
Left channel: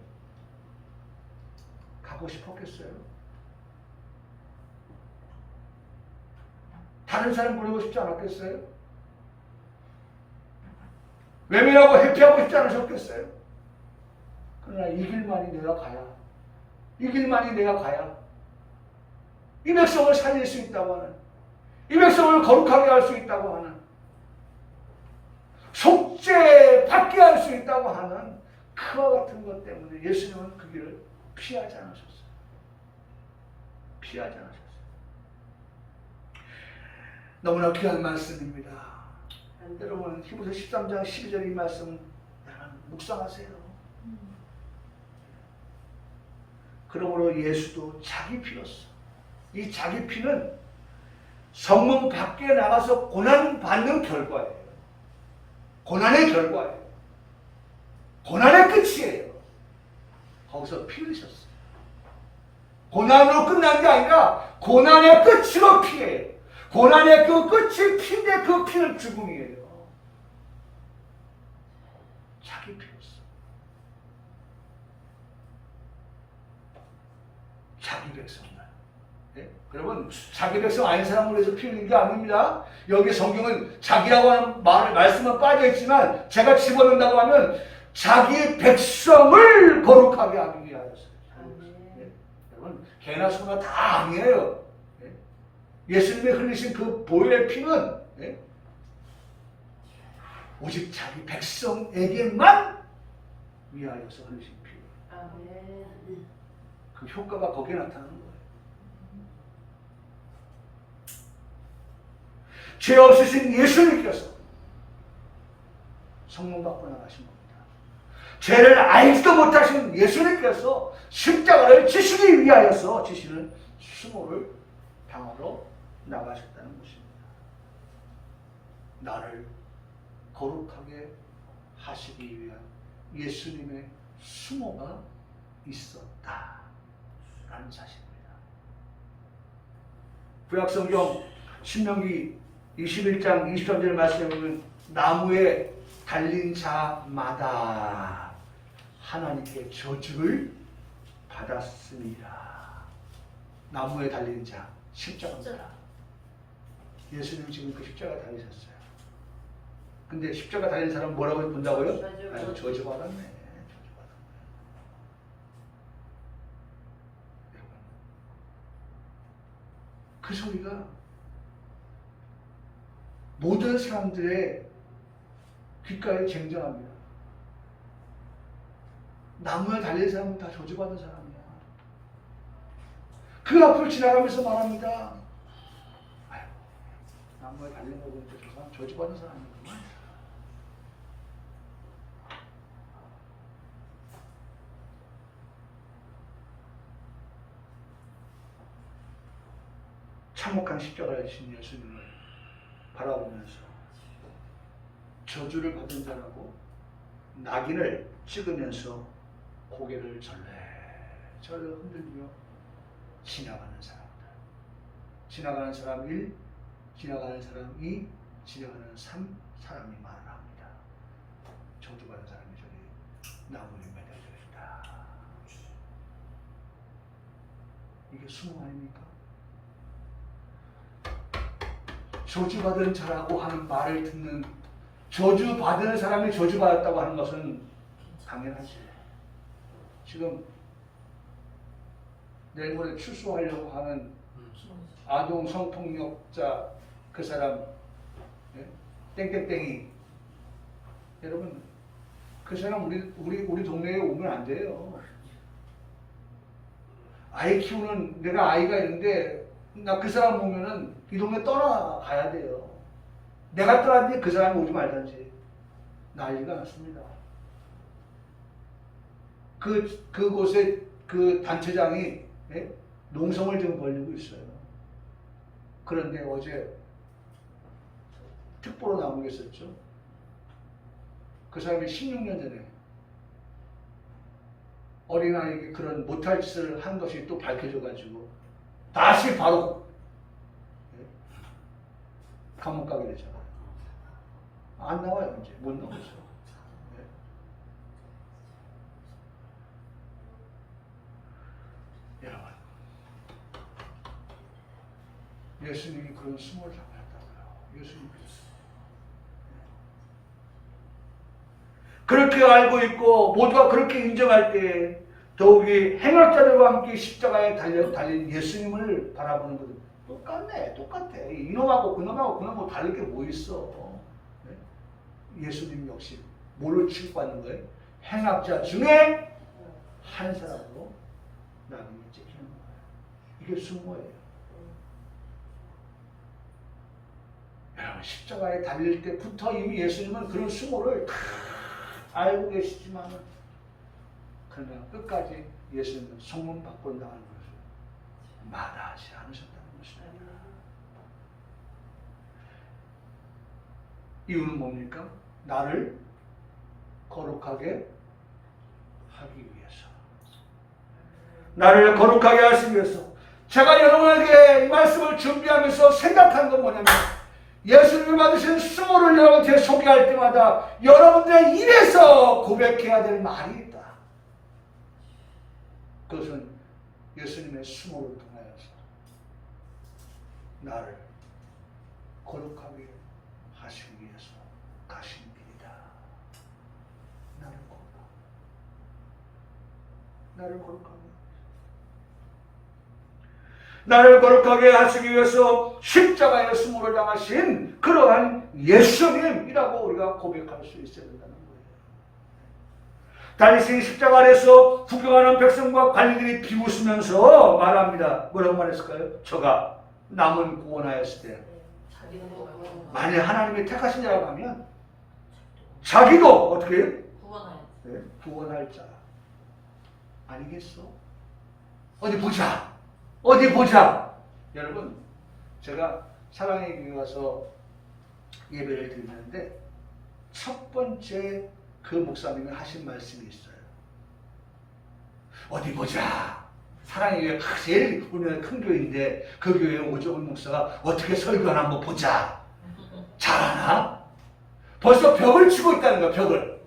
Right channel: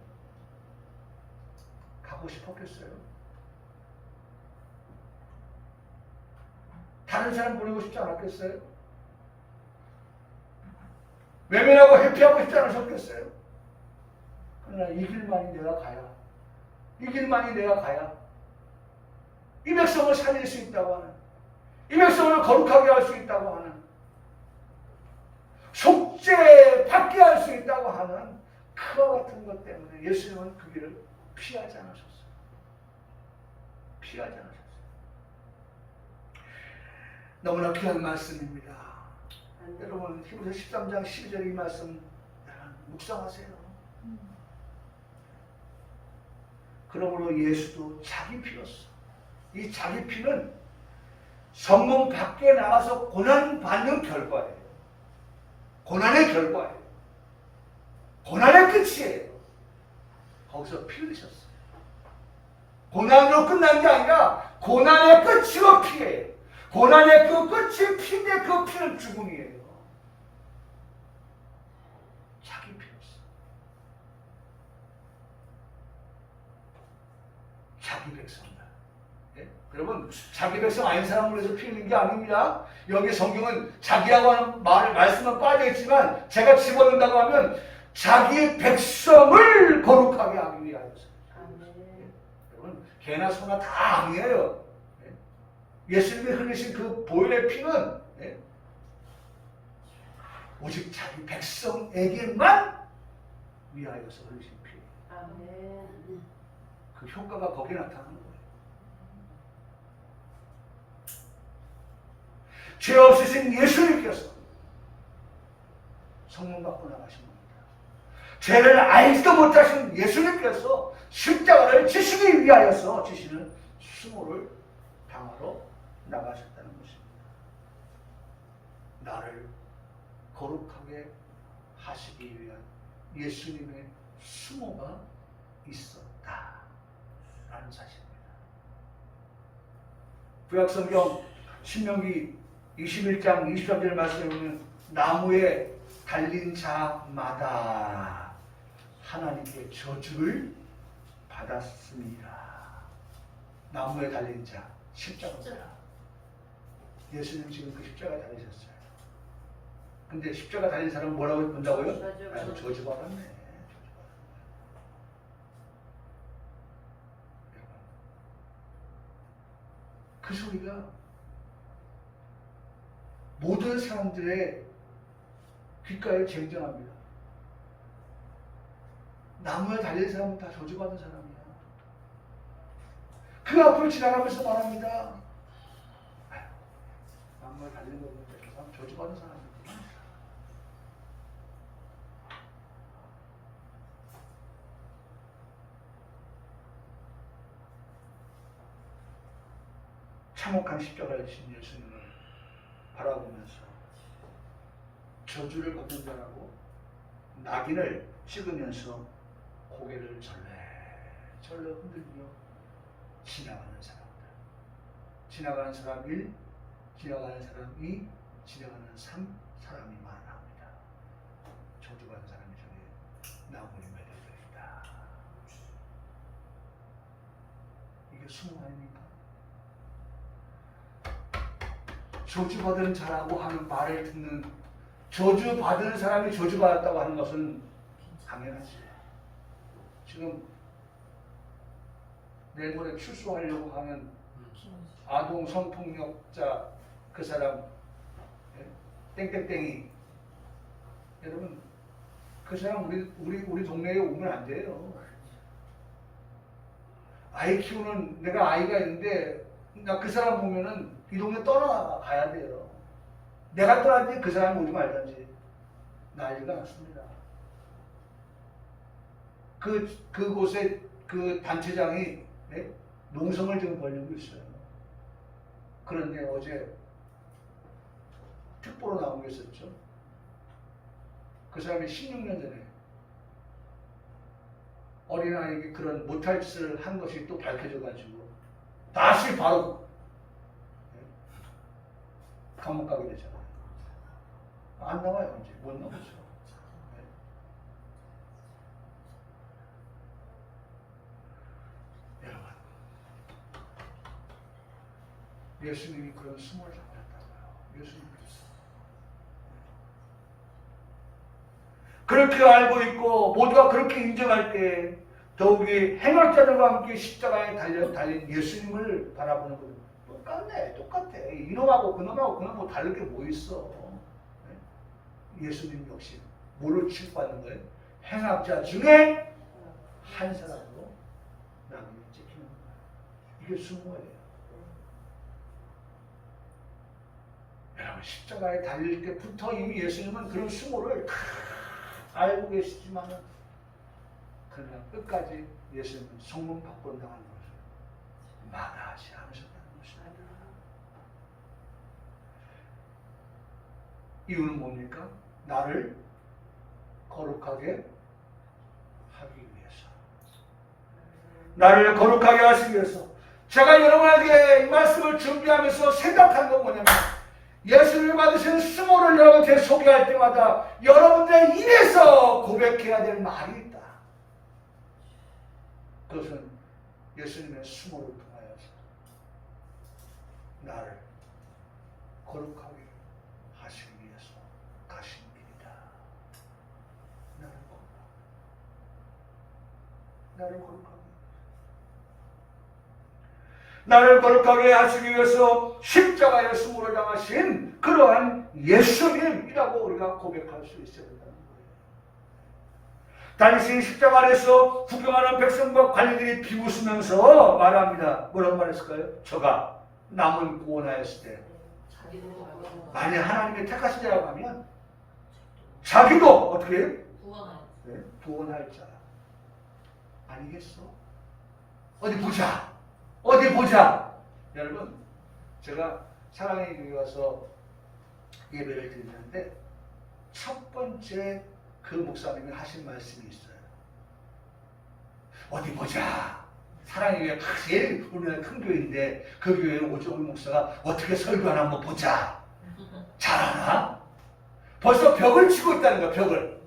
가고 싶었겠어요? 다른 사람 보내고 싶지 않았겠어요? 외면하고 회피하고 싶지 않으셨겠어요? 그러나 이 길만이 내가 가야, 이 길만이 내가 가야 이 백성을 살릴 수 있다고 하는, 이 백성을 거룩하게 할 수 있다고 하는, 속죄 받게 할 수 있다고 하는 그와 같은 것 때문에 예수님은 그 길을 피하지 않으셨어요. 피하지 않으셨어요. 너무나 귀한 말씀입니다. 여러분, 히브리서 13장 12절 이 말씀 묵상하세요. 그러므로 예수도 자기 피로써, 이 자기 피는 성문 밖에 나가서 고난받는 결과예요. 고난의 결과예요. 고난의 끝이에요. 거기서 피 흘리셨어요. 고난으로 끝난 게 아니라 고난의 끝으로 피해요. 고난의 그 끝이 피인데 그 피는 죽음이에요. 자기 피였어. 자기 백성들. 네? 여러분, 자기 백성 아닌 사람을 위해서 피 흘린 게 아닙니다. 여기 성경은 자기라고 하는 말씀은 빠져있지만 제가 집어넣는다고 하면 자기 백성을 거룩하게 하기 위하여서. 예. 여러분 개나 소나 다 아니에요. 예. 예수님이 흘리신 그 보혈의 피는 예. 오직 자기 백성에게만 위하여서 흘리신 피. 그 효과가 거기에 나타나는 거예요. 죄 없으신 예수님께서 성문 밖으로 나가신 겁니다. 죄를 알지도 못하시는 예수님께서 십자가를 지시기 위하여서 지시는 수모를 당하러 나가셨다는 것입니다. 나를 거룩하게 하시기 위한 예수님의 수모가 있었다라는 사실입니다. 구약성경 신명기 21장 23절 말씀에 보면 나무에 달린 자마다 하나님께 저주를 받았습니다. 나무에 달린 자, 십자가입니다. 예수님 지금 그 십자가 달리셨어요. 근데 십자가 달린 사람은 뭐라고 본다고요? 저주받았네. 그 소리가 모든 사람들의 귓가에 쟁쟁합니다. 나무에 달린 사람은 다 저주받은 사람이야. 그 앞을 지나가면서 말합니다. 아이고, 나무에 달린 거 보니까 저 사람 저주받은 사람이구나. 참혹한 십자가에 진 예수님을 바라보면서 저주를 받은 자라고 낙인을 찍으면서 고개를 절레절레 흔들며 지나가는 사람들. 지나가는 사람 1, 지나가는 사람 2, 지나가는 3 사람이 많합니다. 저주받은 사람이 저기 나무에 매달려 있다. 이게 수모 아닙니까? 저주받은 자라고 하는 말을 듣는 저주받은 사람이 저주받았다고 하는 것은 당연하지. 지금 내일 모레 출소하려고 하는 아동 성폭력자 그 사람 예? 땡땡땡이 여러분 그 사람 우리 동네에 오면 안 돼요. 아이 키우는 내가 아이가 있는데 나 그 사람 보면은 이 동네 떠나가야 돼요. 내가 떠났는데 그 사람이 오지 말든지 난리가 났습니다. 그곳에 그 단체장이 예? 농성을 지금 벌리고 있어요. 그런데 어제 특보로 나온 게 있었죠. 그 사람이 16년 전에 어린아이에게 그런 못할 짓을 한 것이 또 밝혀져가지고 다시 바로 감옥 가게 되잖아요. 안 나와요. 이제 못 나오죠. 여러분 예수님이 그런 수모를 당하셨다고요. 예수님께서 그렇게 알고 있고 모두가 그렇게 인정할 때 더욱이 행악자들과 함께 십자가에 달린 예수님을 바라보는 것은 똑같아. 이놈하고 그놈하고 다를 게 뭐 있어. 예수님 역시 뭘로 취급받는 거예요? 행악자 중에 한 사람으로 낙인이 찍히는 거예요. 이게 수모예요. 여러분 십자가에 달릴 때부터 이미 예수님은 그런 수모를 알고 계시지만은 그냥 끝까지 예수님은 성문 밖으로 나가는 것을 마다하지 않으셨다는 것입니다. 이유는 뭡니까? 나를 거룩하게 하기 위해서. 나를 거룩하게 하기 위해서. 제가 여러분에게 이 말씀을 준비하면서 생각한 건 뭐냐면 예수님이 받으신 수모를 여러분한테 소개할 때마다 여러분들의 입에서 고백해야 될 말이 있다. 그것은 예수님의 수모를 통하여서 나를 거룩하게 하시기 위해서 가신 길이다. 나를 거룩하게. 나를 거룩하게. 나를 거룩하게 하시기 위해서 십자가의 수모를 당하신 그러한 예수님이라고 우리가 고백할 수 있어야 된다는 거예요. 다니신 십자가 아래서 구경하는 백성과 관리들이 비웃으면서 말합니다. 뭐라고 말했을까요? 저가 남은 구원하였을 때 만약 하나님이 택하신 자라고 하면 자기도 어떻게 해요? 구원할 자 아니겠어? 어디 보자. 어디 보자. 여러분, 제가 사랑의 교회 가서 예배를 드리는데 첫 번째 그 목사님이 하신 말씀이 있어요. 어디 보자. 사랑의 교회 제일 우리나라 큰 교회인데 그 교회에 오정훈 목사가 어떻게 설교하나 한번 보자. 잘하나? 벌써 벽을 치고 있다는 거야. 벽을.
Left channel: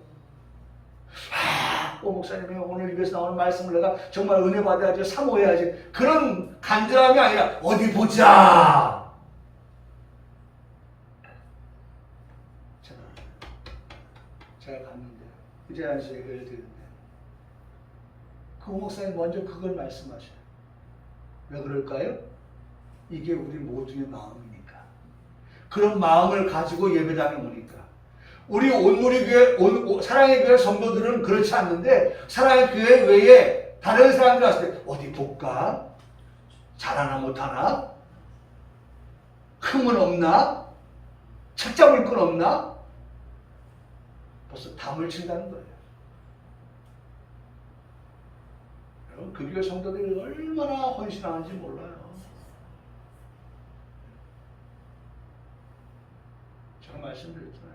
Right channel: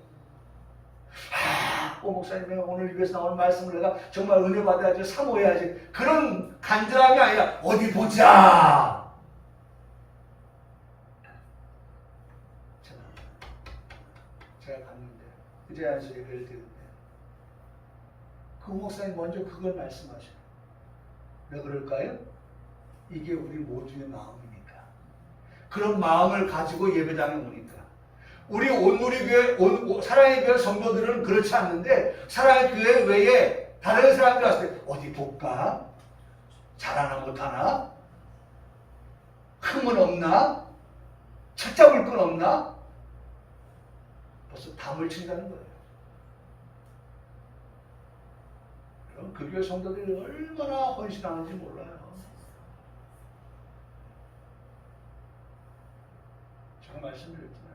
오 목사님이 오늘 입에서 나오는 말씀을 내가 정말 은혜 받아야지 사모해야지 그런 간절함이 아니라 어디 보자. 제가 갔는데 그 자리에서 예배를 드리는데 그 목사님 먼저 그걸 말씀하셔요. 왜 그럴까요? 이게 우리 모두의 마음이니까. 그런 마음을 가지고 예배당에 오니까. 우리 온누리 교회, 사랑의 교회 성도들은 그렇지 않는데 사랑의 교회 외에 다른 사람들 왔을 때 어디 볼까? 잘하나 못하나? 흠은 없나? 책 잡을 건 없나? 벌써 담을 친다는 거예요. 여러분 그 교회 성도들이 얼마나 헌신하는지 몰라요. 제가 말씀드렸잖아요.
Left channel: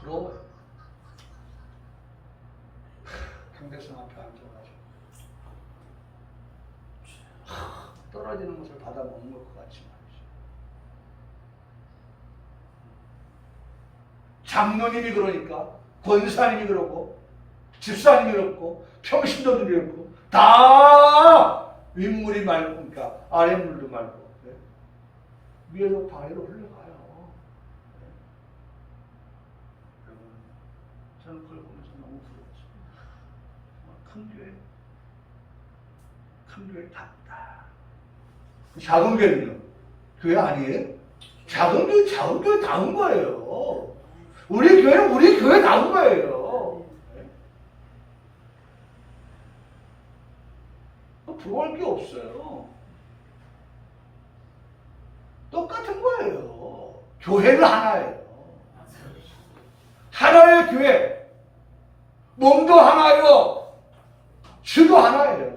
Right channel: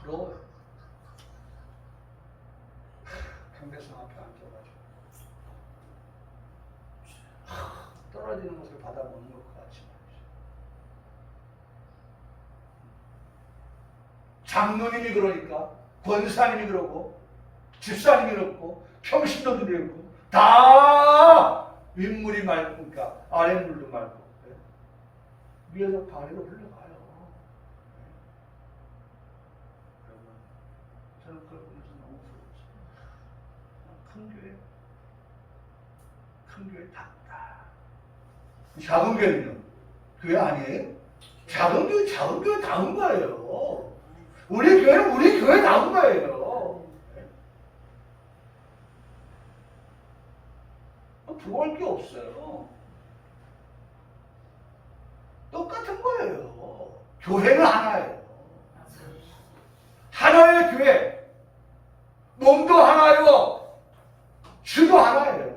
부러워요. 강대성 앞에 앉아가지고 떨어지는 것을 받아 먹는 것 같이 말이죠. 장로님이 그러니까, 권사님이 그러고, 집사님이 그렇고, 평신도들이 그렇고, 다 윗물이 맑고, 그러니까 아랫물도 맑고, 네? 위에서 아래로 흘러가요. 저는 그걸 보면서 너무 부러웠어요. 큰 교회 답다. 작은 교회는요? 교회 아니에요? 작은 교회 다운 거예요. 우리 교회는 우리 교회 다운 거예요. 부러울 게 없어요. 똑같은 거예요. 교회는 하나예요. 하나의 교회. 몸도 하나요. 주도 하나예요.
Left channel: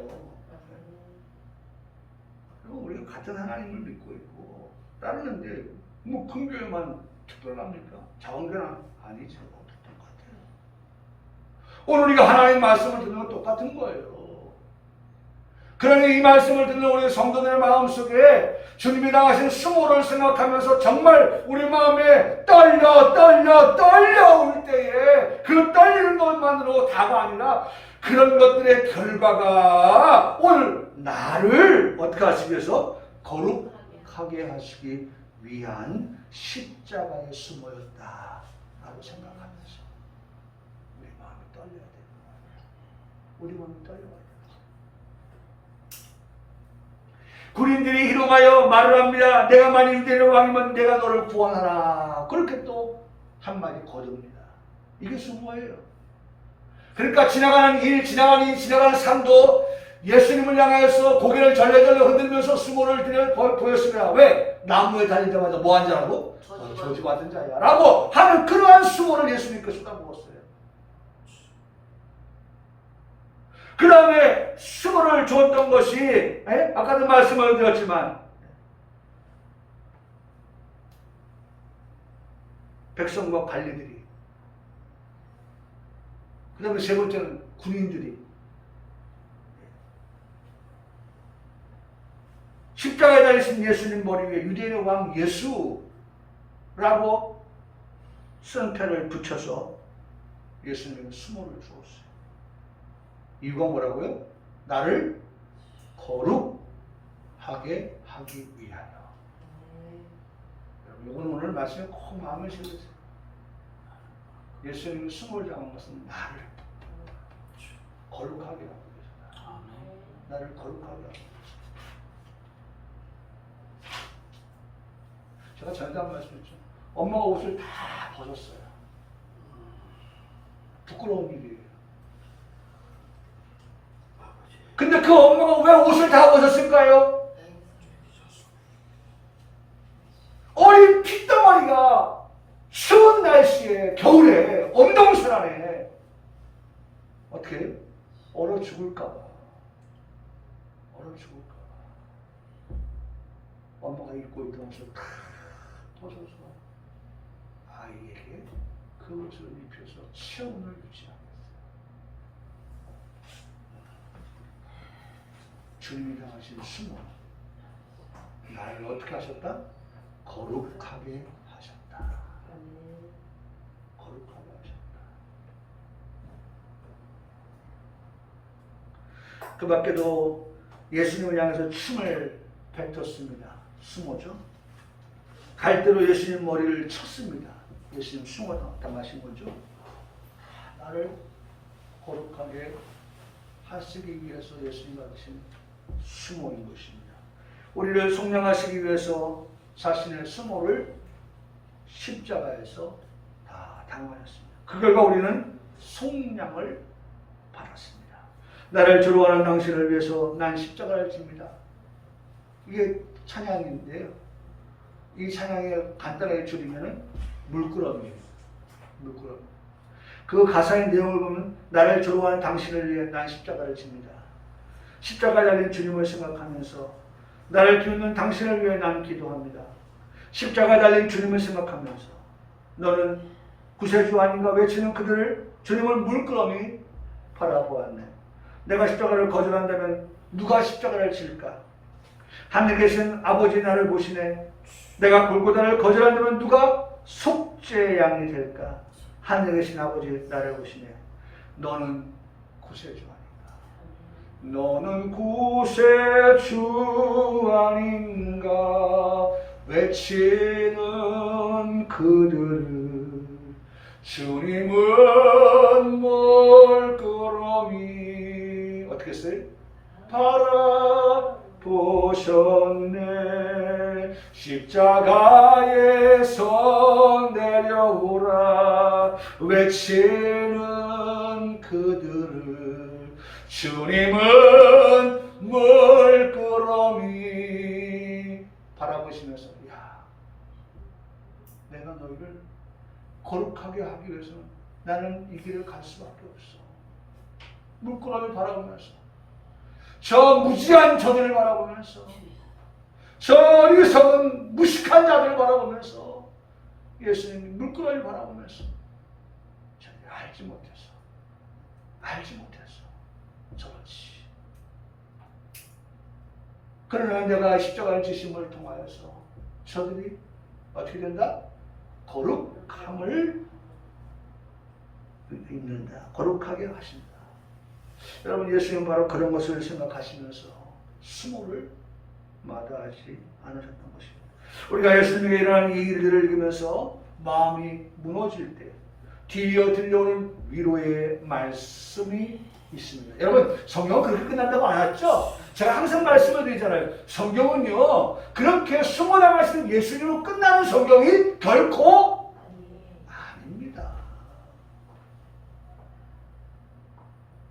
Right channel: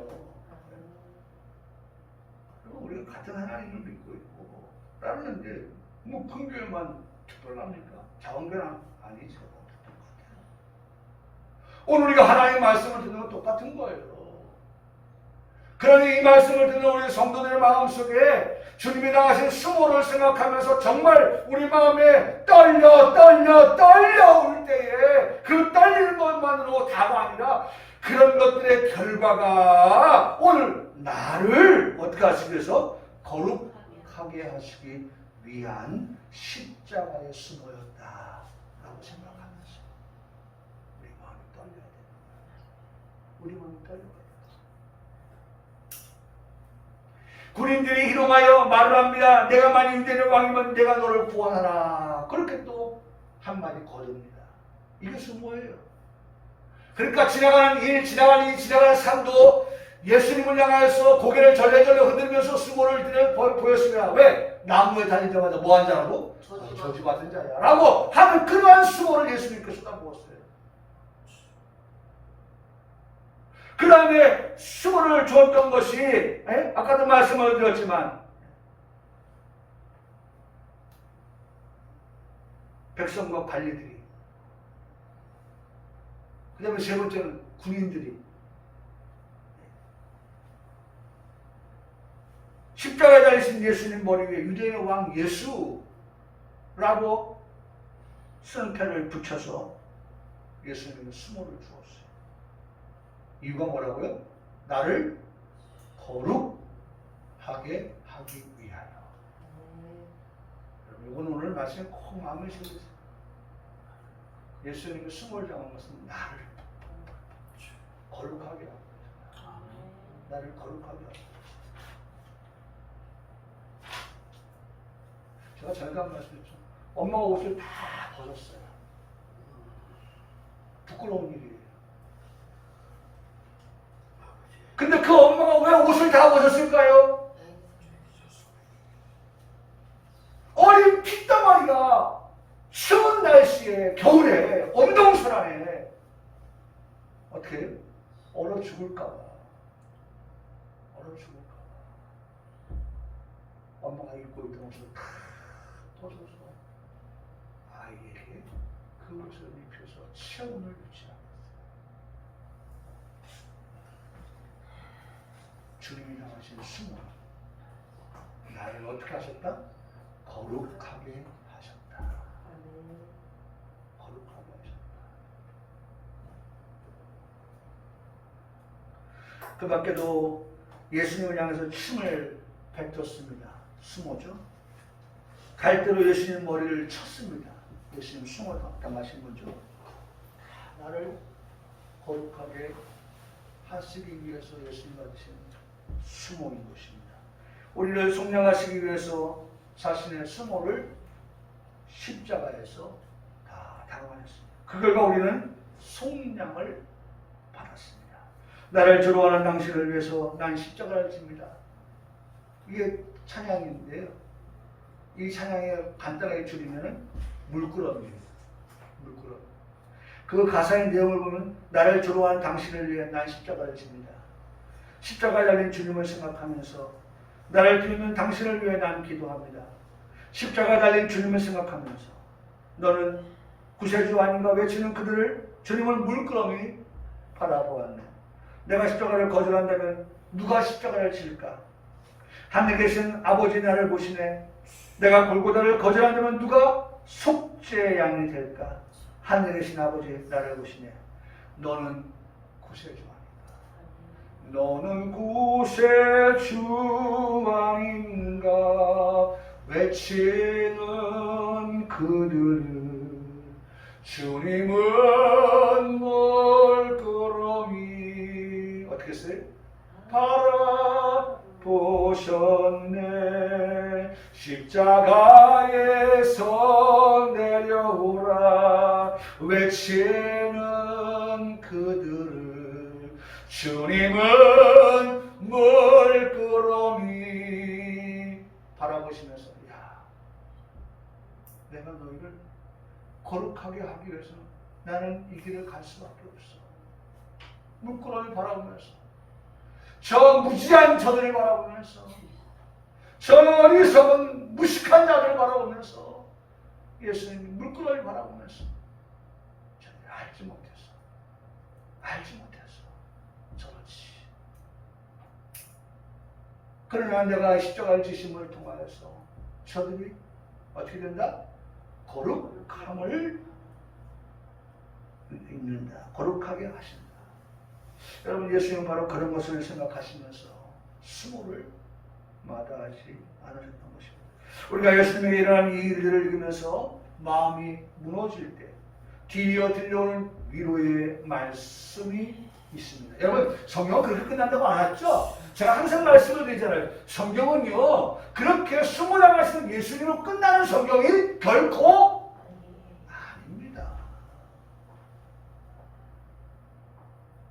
그리고 우리가 같은 하나님을 믿고 있고 따르는데 뭐 큰 교회만 특별합니까? 작은 교회는 아니죠. 똑같아요. 오늘 우리가 하나님 말씀을 듣는 건 똑같은 거예요. 그러니 이 말씀을 듣는 우리 성도들의 마음속에 주님이 당하신 수모를 생각하면서 정말 우리 마음에 떨려 올 때에 그 떨리는 것만으로 다가 아니라 그런 것들의 결과가 오늘 나를 어떻게 하시기 위해서 거룩하게 하시기 위한 십자가의 수모였다 라고 생각하면서 우리 마음이 떨려야 됩니다. 우리 마음이 떨려야 군인들이 희롱하여 말을 합니다. 내가 만일 유대인의 왕이면 내가 너를 구원하라. 그렇게 또 한마디 거듭니다. 이게 수모예요. 그러니까 지나가는 사람도 예수님을 향해서 고개를 절레절레 흔들면서 수모를 보였습니다. 왜? 나무에 달릴 때마다 뭐한 자라고? 저주 같은 자야 라고 하는 그러한 수모를 예수님께서 까부었어요. 그 다음에 수모를 줬던 것이 아까도 말씀을 드렸지만 백성과 관리들이, 그 다음에 세 번째는 군인들이 십자가에 달리신 예수님 머리 위에 유대인의 왕 예수라고 선패를 붙여서 예수님은 수모를 주었어요. 이유가 뭐라고요? 나를 거룩하게 하기 위하여. 여러분, 이건 오늘 말씀에 꼭 마음에 새기세요. 예수님이 숨을 잡은 것은 나를 거룩하게 하기 위해서. 나를 거룩하게 하기 위해서. 제가 전에 한 말씀했죠. 엄마가 옷을 다 벗었어요. 부끄러운 일이에요. 근데 그 엄마가 왜 옷을 다 벗었을까요? 어린 핏덩어리가 추운 날씨에 겨울에 엄동설 안에 어떻게 얼어 죽을까봐 엄마가 입고 있던 옷을 다 벗어서 아이에게 그 옷을 입혀서 체온을 유지하였어요. 주님이 당하신 수모 나를 어떻게 하셨다? 거룩하게 하셨다. 거룩하게 하셨다. 그 밖에도 예수님을 향해서 춤을 뱉었습니다. 수모죠. 갈대로 예수님 머리를 쳤습니다. 예수님 수모를 당하신 거죠. 나를 거룩하게 하시기 위해서 예수님 받으신 수모인 것입니다. 우리를 속량하시기 위해서 자신의 수모를 십자가에서 다 당하셨습니다. 그 결과 우리는 속량을 받았습니다. 나를 조롱하는 당신을 위해서 난 십자가를 집니다. 이게 찬양인데요. 이 찬양에 간단하게 줄이면은 물끄러미예요. 물끄러미. 그 가사의 내용을 보면 나를 조롱하는 당신을 위해 난 십자가를 집니다. 십자가에 달린 주님을 생각하면서 나를 기웃는 당신을 위해 난 기도합니다. 십자가에 달린 주님을 생각하면서 너는 구세주 아닌가 외치는 그들을 주님을 물끄러미 바라보았네. 내가 십자가를 거절한다면 누가 십자가를 질까? 하늘에 계신 아버지 나를 보시네. 내가 골고다를 거절한다면 누가 속죄의 양이 될까? 하늘에 계신 아버지 나를 보시네. 너는 구세주 아닌가? 너는 구세주 아닌가? 외치는 그들을 주님은 멀끄러미 어떻게 했어요? 바라보셨네. 십자가에서 내려오라 외치는 그들을 주님은 멀끄러미 바라보시면서 야, 내가 너희를 거룩하게 하기 위해서는 나는 이 길을 갈 수밖에 없어. 물끄러미 바라보면서 저 무지한 저들을 바라보면서 저 어리석은 무식한 자들을 바라보면서 예수님이 물끄러미 바라보면서 저들이 알지 못했어. 저렇지. 그러나 내가 십자가를 지심을 통하여서 저들이 어떻게 된다? 거룩함을 입는다. 거룩하게 하신다. 여러분 예수님은 바로 그런 것을 생각하시면서 수모를 마다하지 않으셨던 것입니다. 우리가 예수님에게 일어난 이 일들을 읽으면서 마음이 무너질 때 뒤이어 들려오는 위로의 말씀이 있습니다. 여러분 성경은 그렇게 끝난다고 안 했죠? 제가 항상 말씀을 드리잖아요. 성경은요 그렇게 수모당하시는 예수님으로 끝나는 성경이 결코 아닙니다.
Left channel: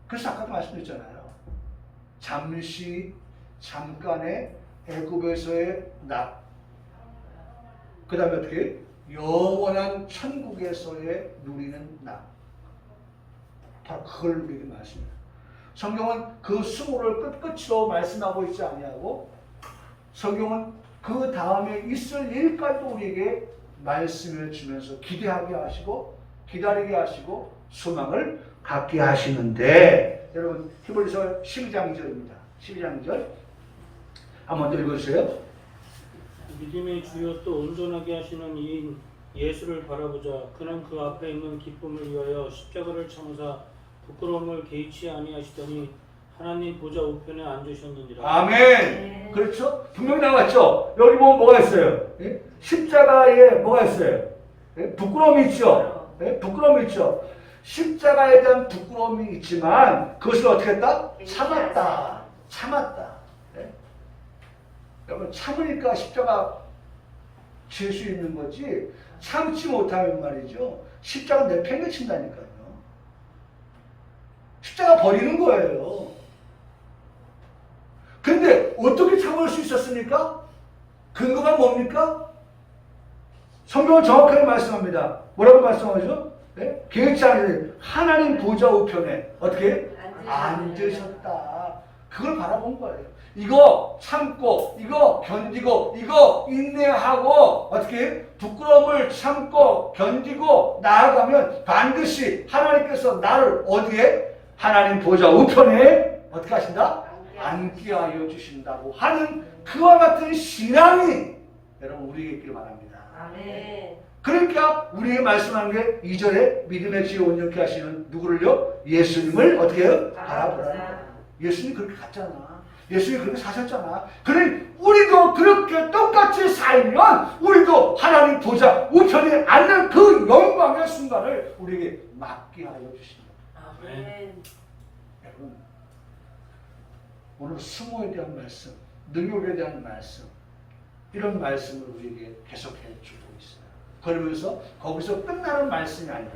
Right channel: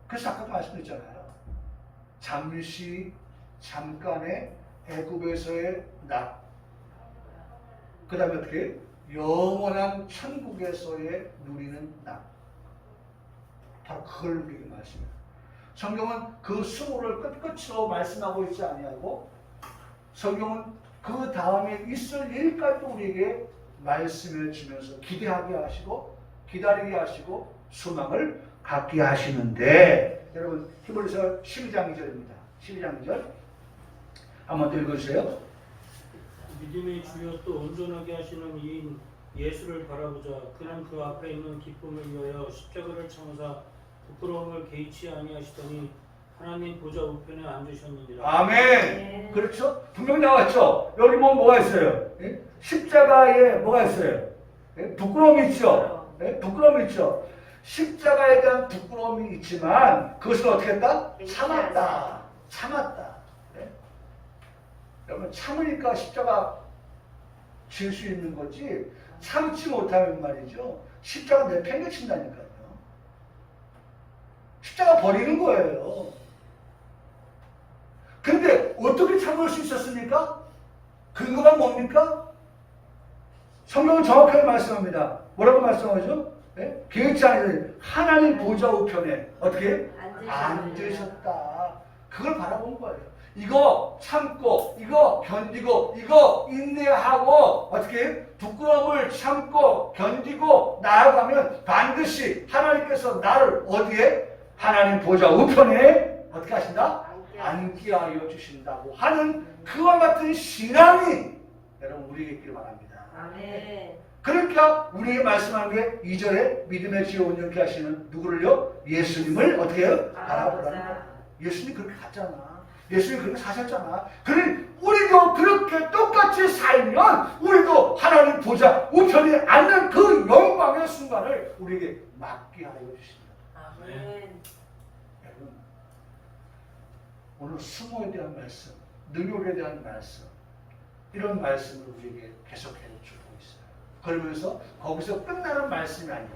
그래서 아까도 말씀드렸잖아요. 잠시 잠깐의 애굽에서의 낙, 그 다음에 어떻게 영원한 천국에서의 누리는 낙, 다 그걸 우리에게 말씀해요. 성경은 그 수모를 끝끝으로 말씀하고 있지 아니하고 성경은 그 다음에 있을 일까지도 우리에게 말씀해 주면서 기대하게 하시고 기다리게 하시고 소망을 갖게 하시는데 여러분 히브리서 12장 2절입니다. 12장 2절 한번 더 읽어주세요. 믿음의 주요 또 온전하게 하시는 이인 예수를 바라보자. 그는 그 앞에 있는 기쁨을 위하여 십자가를 참으사 부끄러움을 개의치 아니하시더니 하나님 보좌 우편에 앉으셨느니라. 아멘. 그렇죠? 분명 나왔죠? 여기 보면 뭐가 있어요? 예? 십자가에 뭐가 있어요? 예? 부끄러움이 있죠? 예? 부끄러움이 있죠? 십자가에 대한 부끄러움이 있지만 그것을 어떻게 했다? 참았다. 참았다. 예? 여러분 참으니까 십자가 질 수 있는 거지 참지 못하면 말이죠. 십자가 내팽개친다니까요. 십자가 버리는 거예요. 근데 어떻게 참을 수 있었습니까? 근거가 뭡니까? 성경은 정확하게 말씀합니다. 뭐라고 말씀하죠? 예? 계획치 않은 하나님 보좌 우편에 어떻게? 앉으셨다. 그걸 바라본 거예요. 이거 참고, 이거 견디고, 이거 인내하고 어떻게? 부끄러움을 참고 견디고 나아가면 반드시 하나님께서 나를 어디에? 하나님 보좌 우편에 어떻게 하신다? 앉게 하여 주신다고 하는 그와 같은 신앙이 여러분 우리에게 있기를 바랍니다. 아멘. 그러니까 우리에게 말씀하는 게 2절에 믿음의 지혜 온전케 하시는 누구를요? 예수님을 어떻게 해요? 바라보라니까. 예수님 그렇게 갔잖아. 예수님이 그렇게 사셨잖아. 그러니 우리도 그렇게 똑같이 살면 우리도 하나님 보좌 우편에 앉는 그 영광의 순간을 우리에게 맞게 하여 주신다. 아멘. 여러분 오늘 수모에 대한 말씀, 능력에 대한 말씀 이런 말씀을 우리에게 계속해 주고 있어요. 그러면서 거기서 끝나는 말씀이 아니라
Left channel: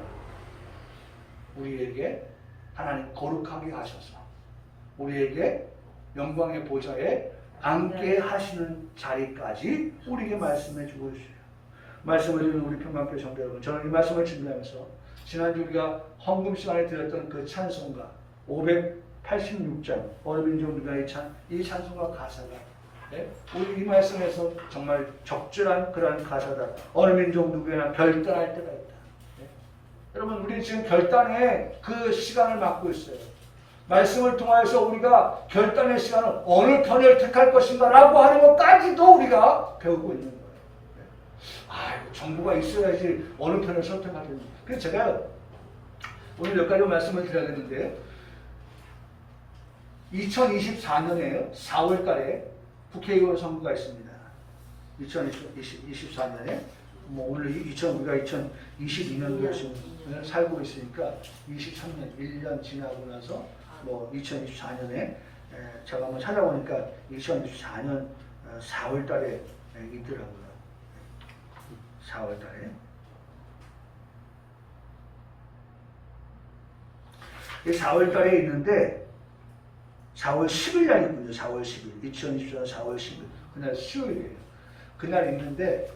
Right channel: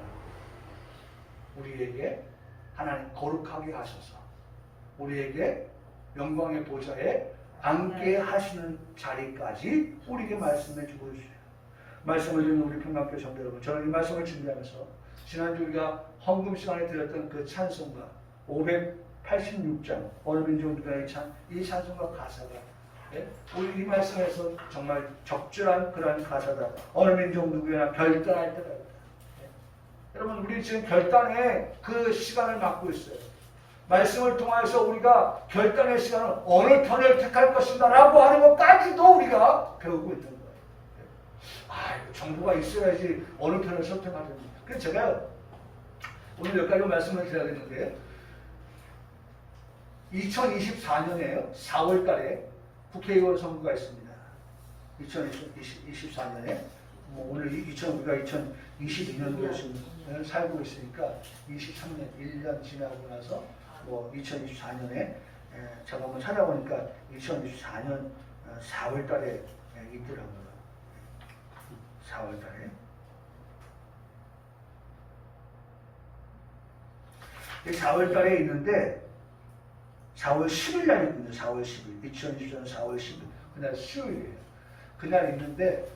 우리에게 하나님 거룩하게 하셔서 우리에게 영광의 보좌에 앉게 하시는 자리까지 우리에게 말씀해 주고 있어요. 말씀을 듣는 우리 평강교회 성도 여러분, 저는 이 말씀을 준비하면서 지난주 우리가 헌금 시간에 드렸던 그 찬송가 586장 어느 민족 누가 이 찬송가 가사가 우리 이 말씀에서 정말 적절한 그런 가사다. 어느 민족 누구나 결단할 때가 있다. 여러분 우리 지금 결단의 그 시간을 맞고 있어요. 말씀을 통해서 우리가 결단의 시간을 어느 편을 택할 것인가 라고 하는 것까지도 우리가 배우고 있는 거예요. 정보가 있어야지 어느 편을 선택하겠는지. 그래서 제가 오늘 몇 가지 말씀을 드려야겠는데 2024년에 4월 달에 국회의원 선거가 있습니다. 2024년에 오늘 우리가 2022년도에 지금 살고 있으니까 23년 1년 지나고 나서 2024년에 제가 한번 찾아보니까 2024년 4월 달에 있더라고요. 4월 달에. 4월 달에 있는데 4월 10일 날 있거든요. 4월 10일. 2024년 4월 10일. 그날 수요일이에요. 그날 있는데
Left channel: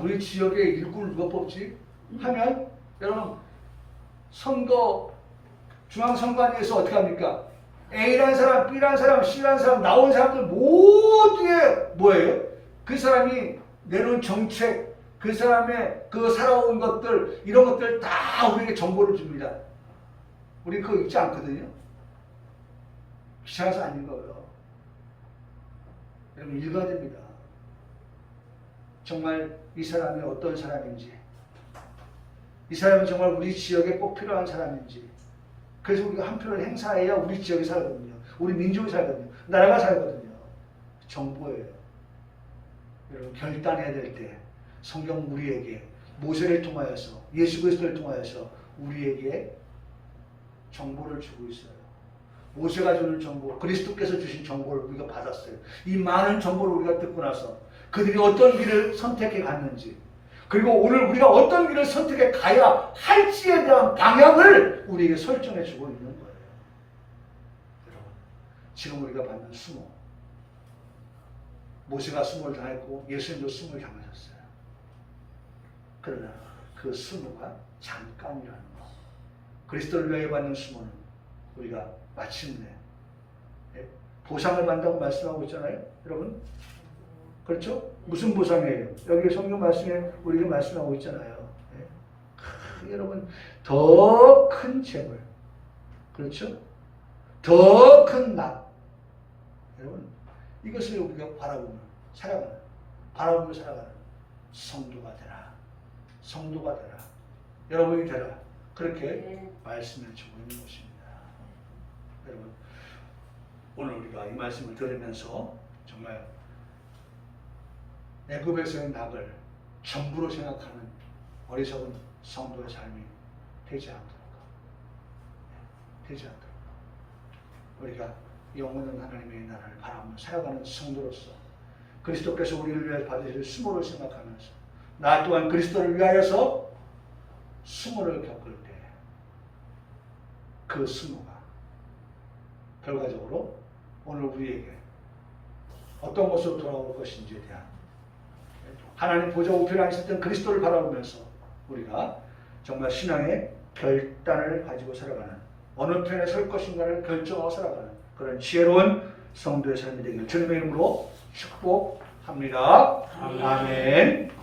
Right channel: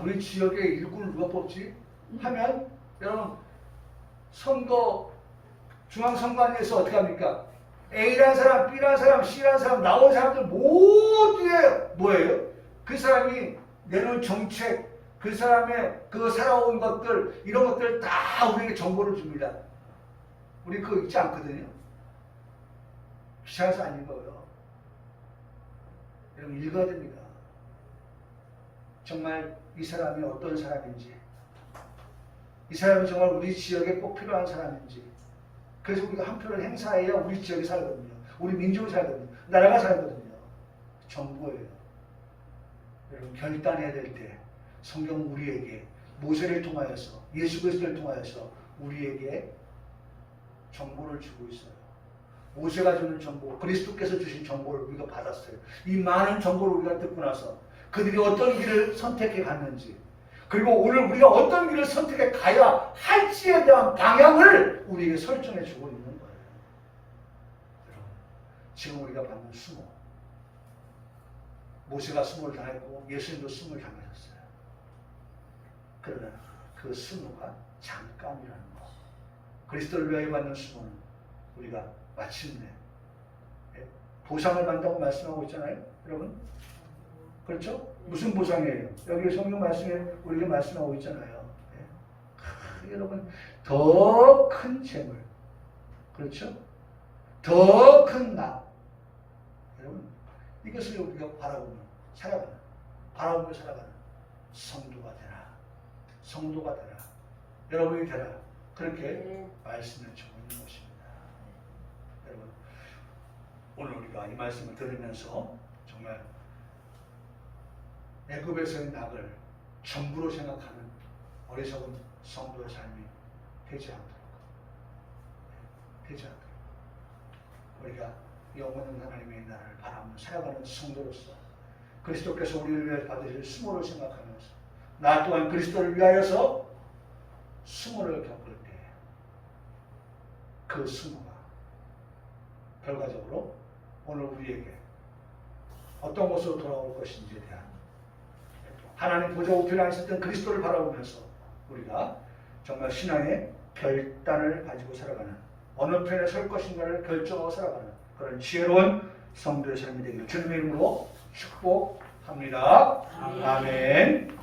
우리 지역에 일꾼을 누가 뽑지? 하면 여러분 중앙선관위에서 어떻게 합니까? A라는 사람, B라는 사람, C라는 사람 나온 사람들 모두의 뭐예요? 그 사람이 내놓은 정책, 그 사람의 그 살아온 것들 이런 것들 다 우리에게 정보를 줍니다. 우리 그거 읽지 않거든요. 귀찮아서 안 읽어요. 여러분 읽어야 됩니다. 정말 이 사람이 어떤 사람인지, 이 사람이 정말 우리 지역에 꼭 필요한 사람인지. 그래서 우리가 한 표를 행사해야 우리 지역이 살거든요. 우리 민족이 살거든요. 나라가 살거든요. 정보예요. 여러분 결단해야 될 때 성경 우리에게 모세를 통하여서 예수 그리스도를 통하여서 우리에게 정보를 주고 있어요. 모세가 주는 정보, 그리스도께서 주신 정보를 우리가 받았어요. 이 많은 정보를 우리가 듣고 나서 그들이 어떤 길을 선택해 갔는지, 그리고 오늘 우리가 어떤 길을 선택해 가야 할지에 대한 방향을 우리에게 설정해 주고 있는 거예요. 여러분, 지금 우리가 받는 수모, 모세가 수모를 당했고 예수님도 수모를 당하셨어요. 그러나 그 수모가 잠깐이라는 거. 그리스도를 위하여 받는 수모는 우리가 마침내 보상을 받는다고 말씀하고 있잖아요. 여러분, 그렇죠? 무슨 보상이에요? 여기 성경 말씀에 우리가 말씀하고 있잖아요. 여러분, 더 큰 재물, 그렇죠? 더 큰 나. 여러분, 이것을 우리가 바라보며 살아가는 성도가 되라. 성도가 되라. 여러분이 되라. 그렇게 말씀해 주고 있는 것입니다. 여러분, 오늘 우리가 이 말씀을 들으면서 정말 애굽에서의 낙을 전부로 생각하는 어리석은 성도의 삶이 되지 않도록 우리가 영원한 하나님의 나라를 바라보며 살아가는 성도로서 그리스도께서 우리를 위하여 받으실 수모를 생각하면서 나 또한 그리스도를 위하여서 수모를 겪을 때 그 수모가 결과적으로 오늘 우리에게 어떤 모습으로 돌아올 것인지에 대한 하나님 보좌 우편에 앉으셨던 그리스도를 바라보면서 우리가 정말 신앙의 결단을 가지고 살아가는 어느 편에 설 것인가를 결정하고 살아가는 그런 지혜로운 성도의 삶이 되기를 주님의 이름으로 축복합니다. 아멘.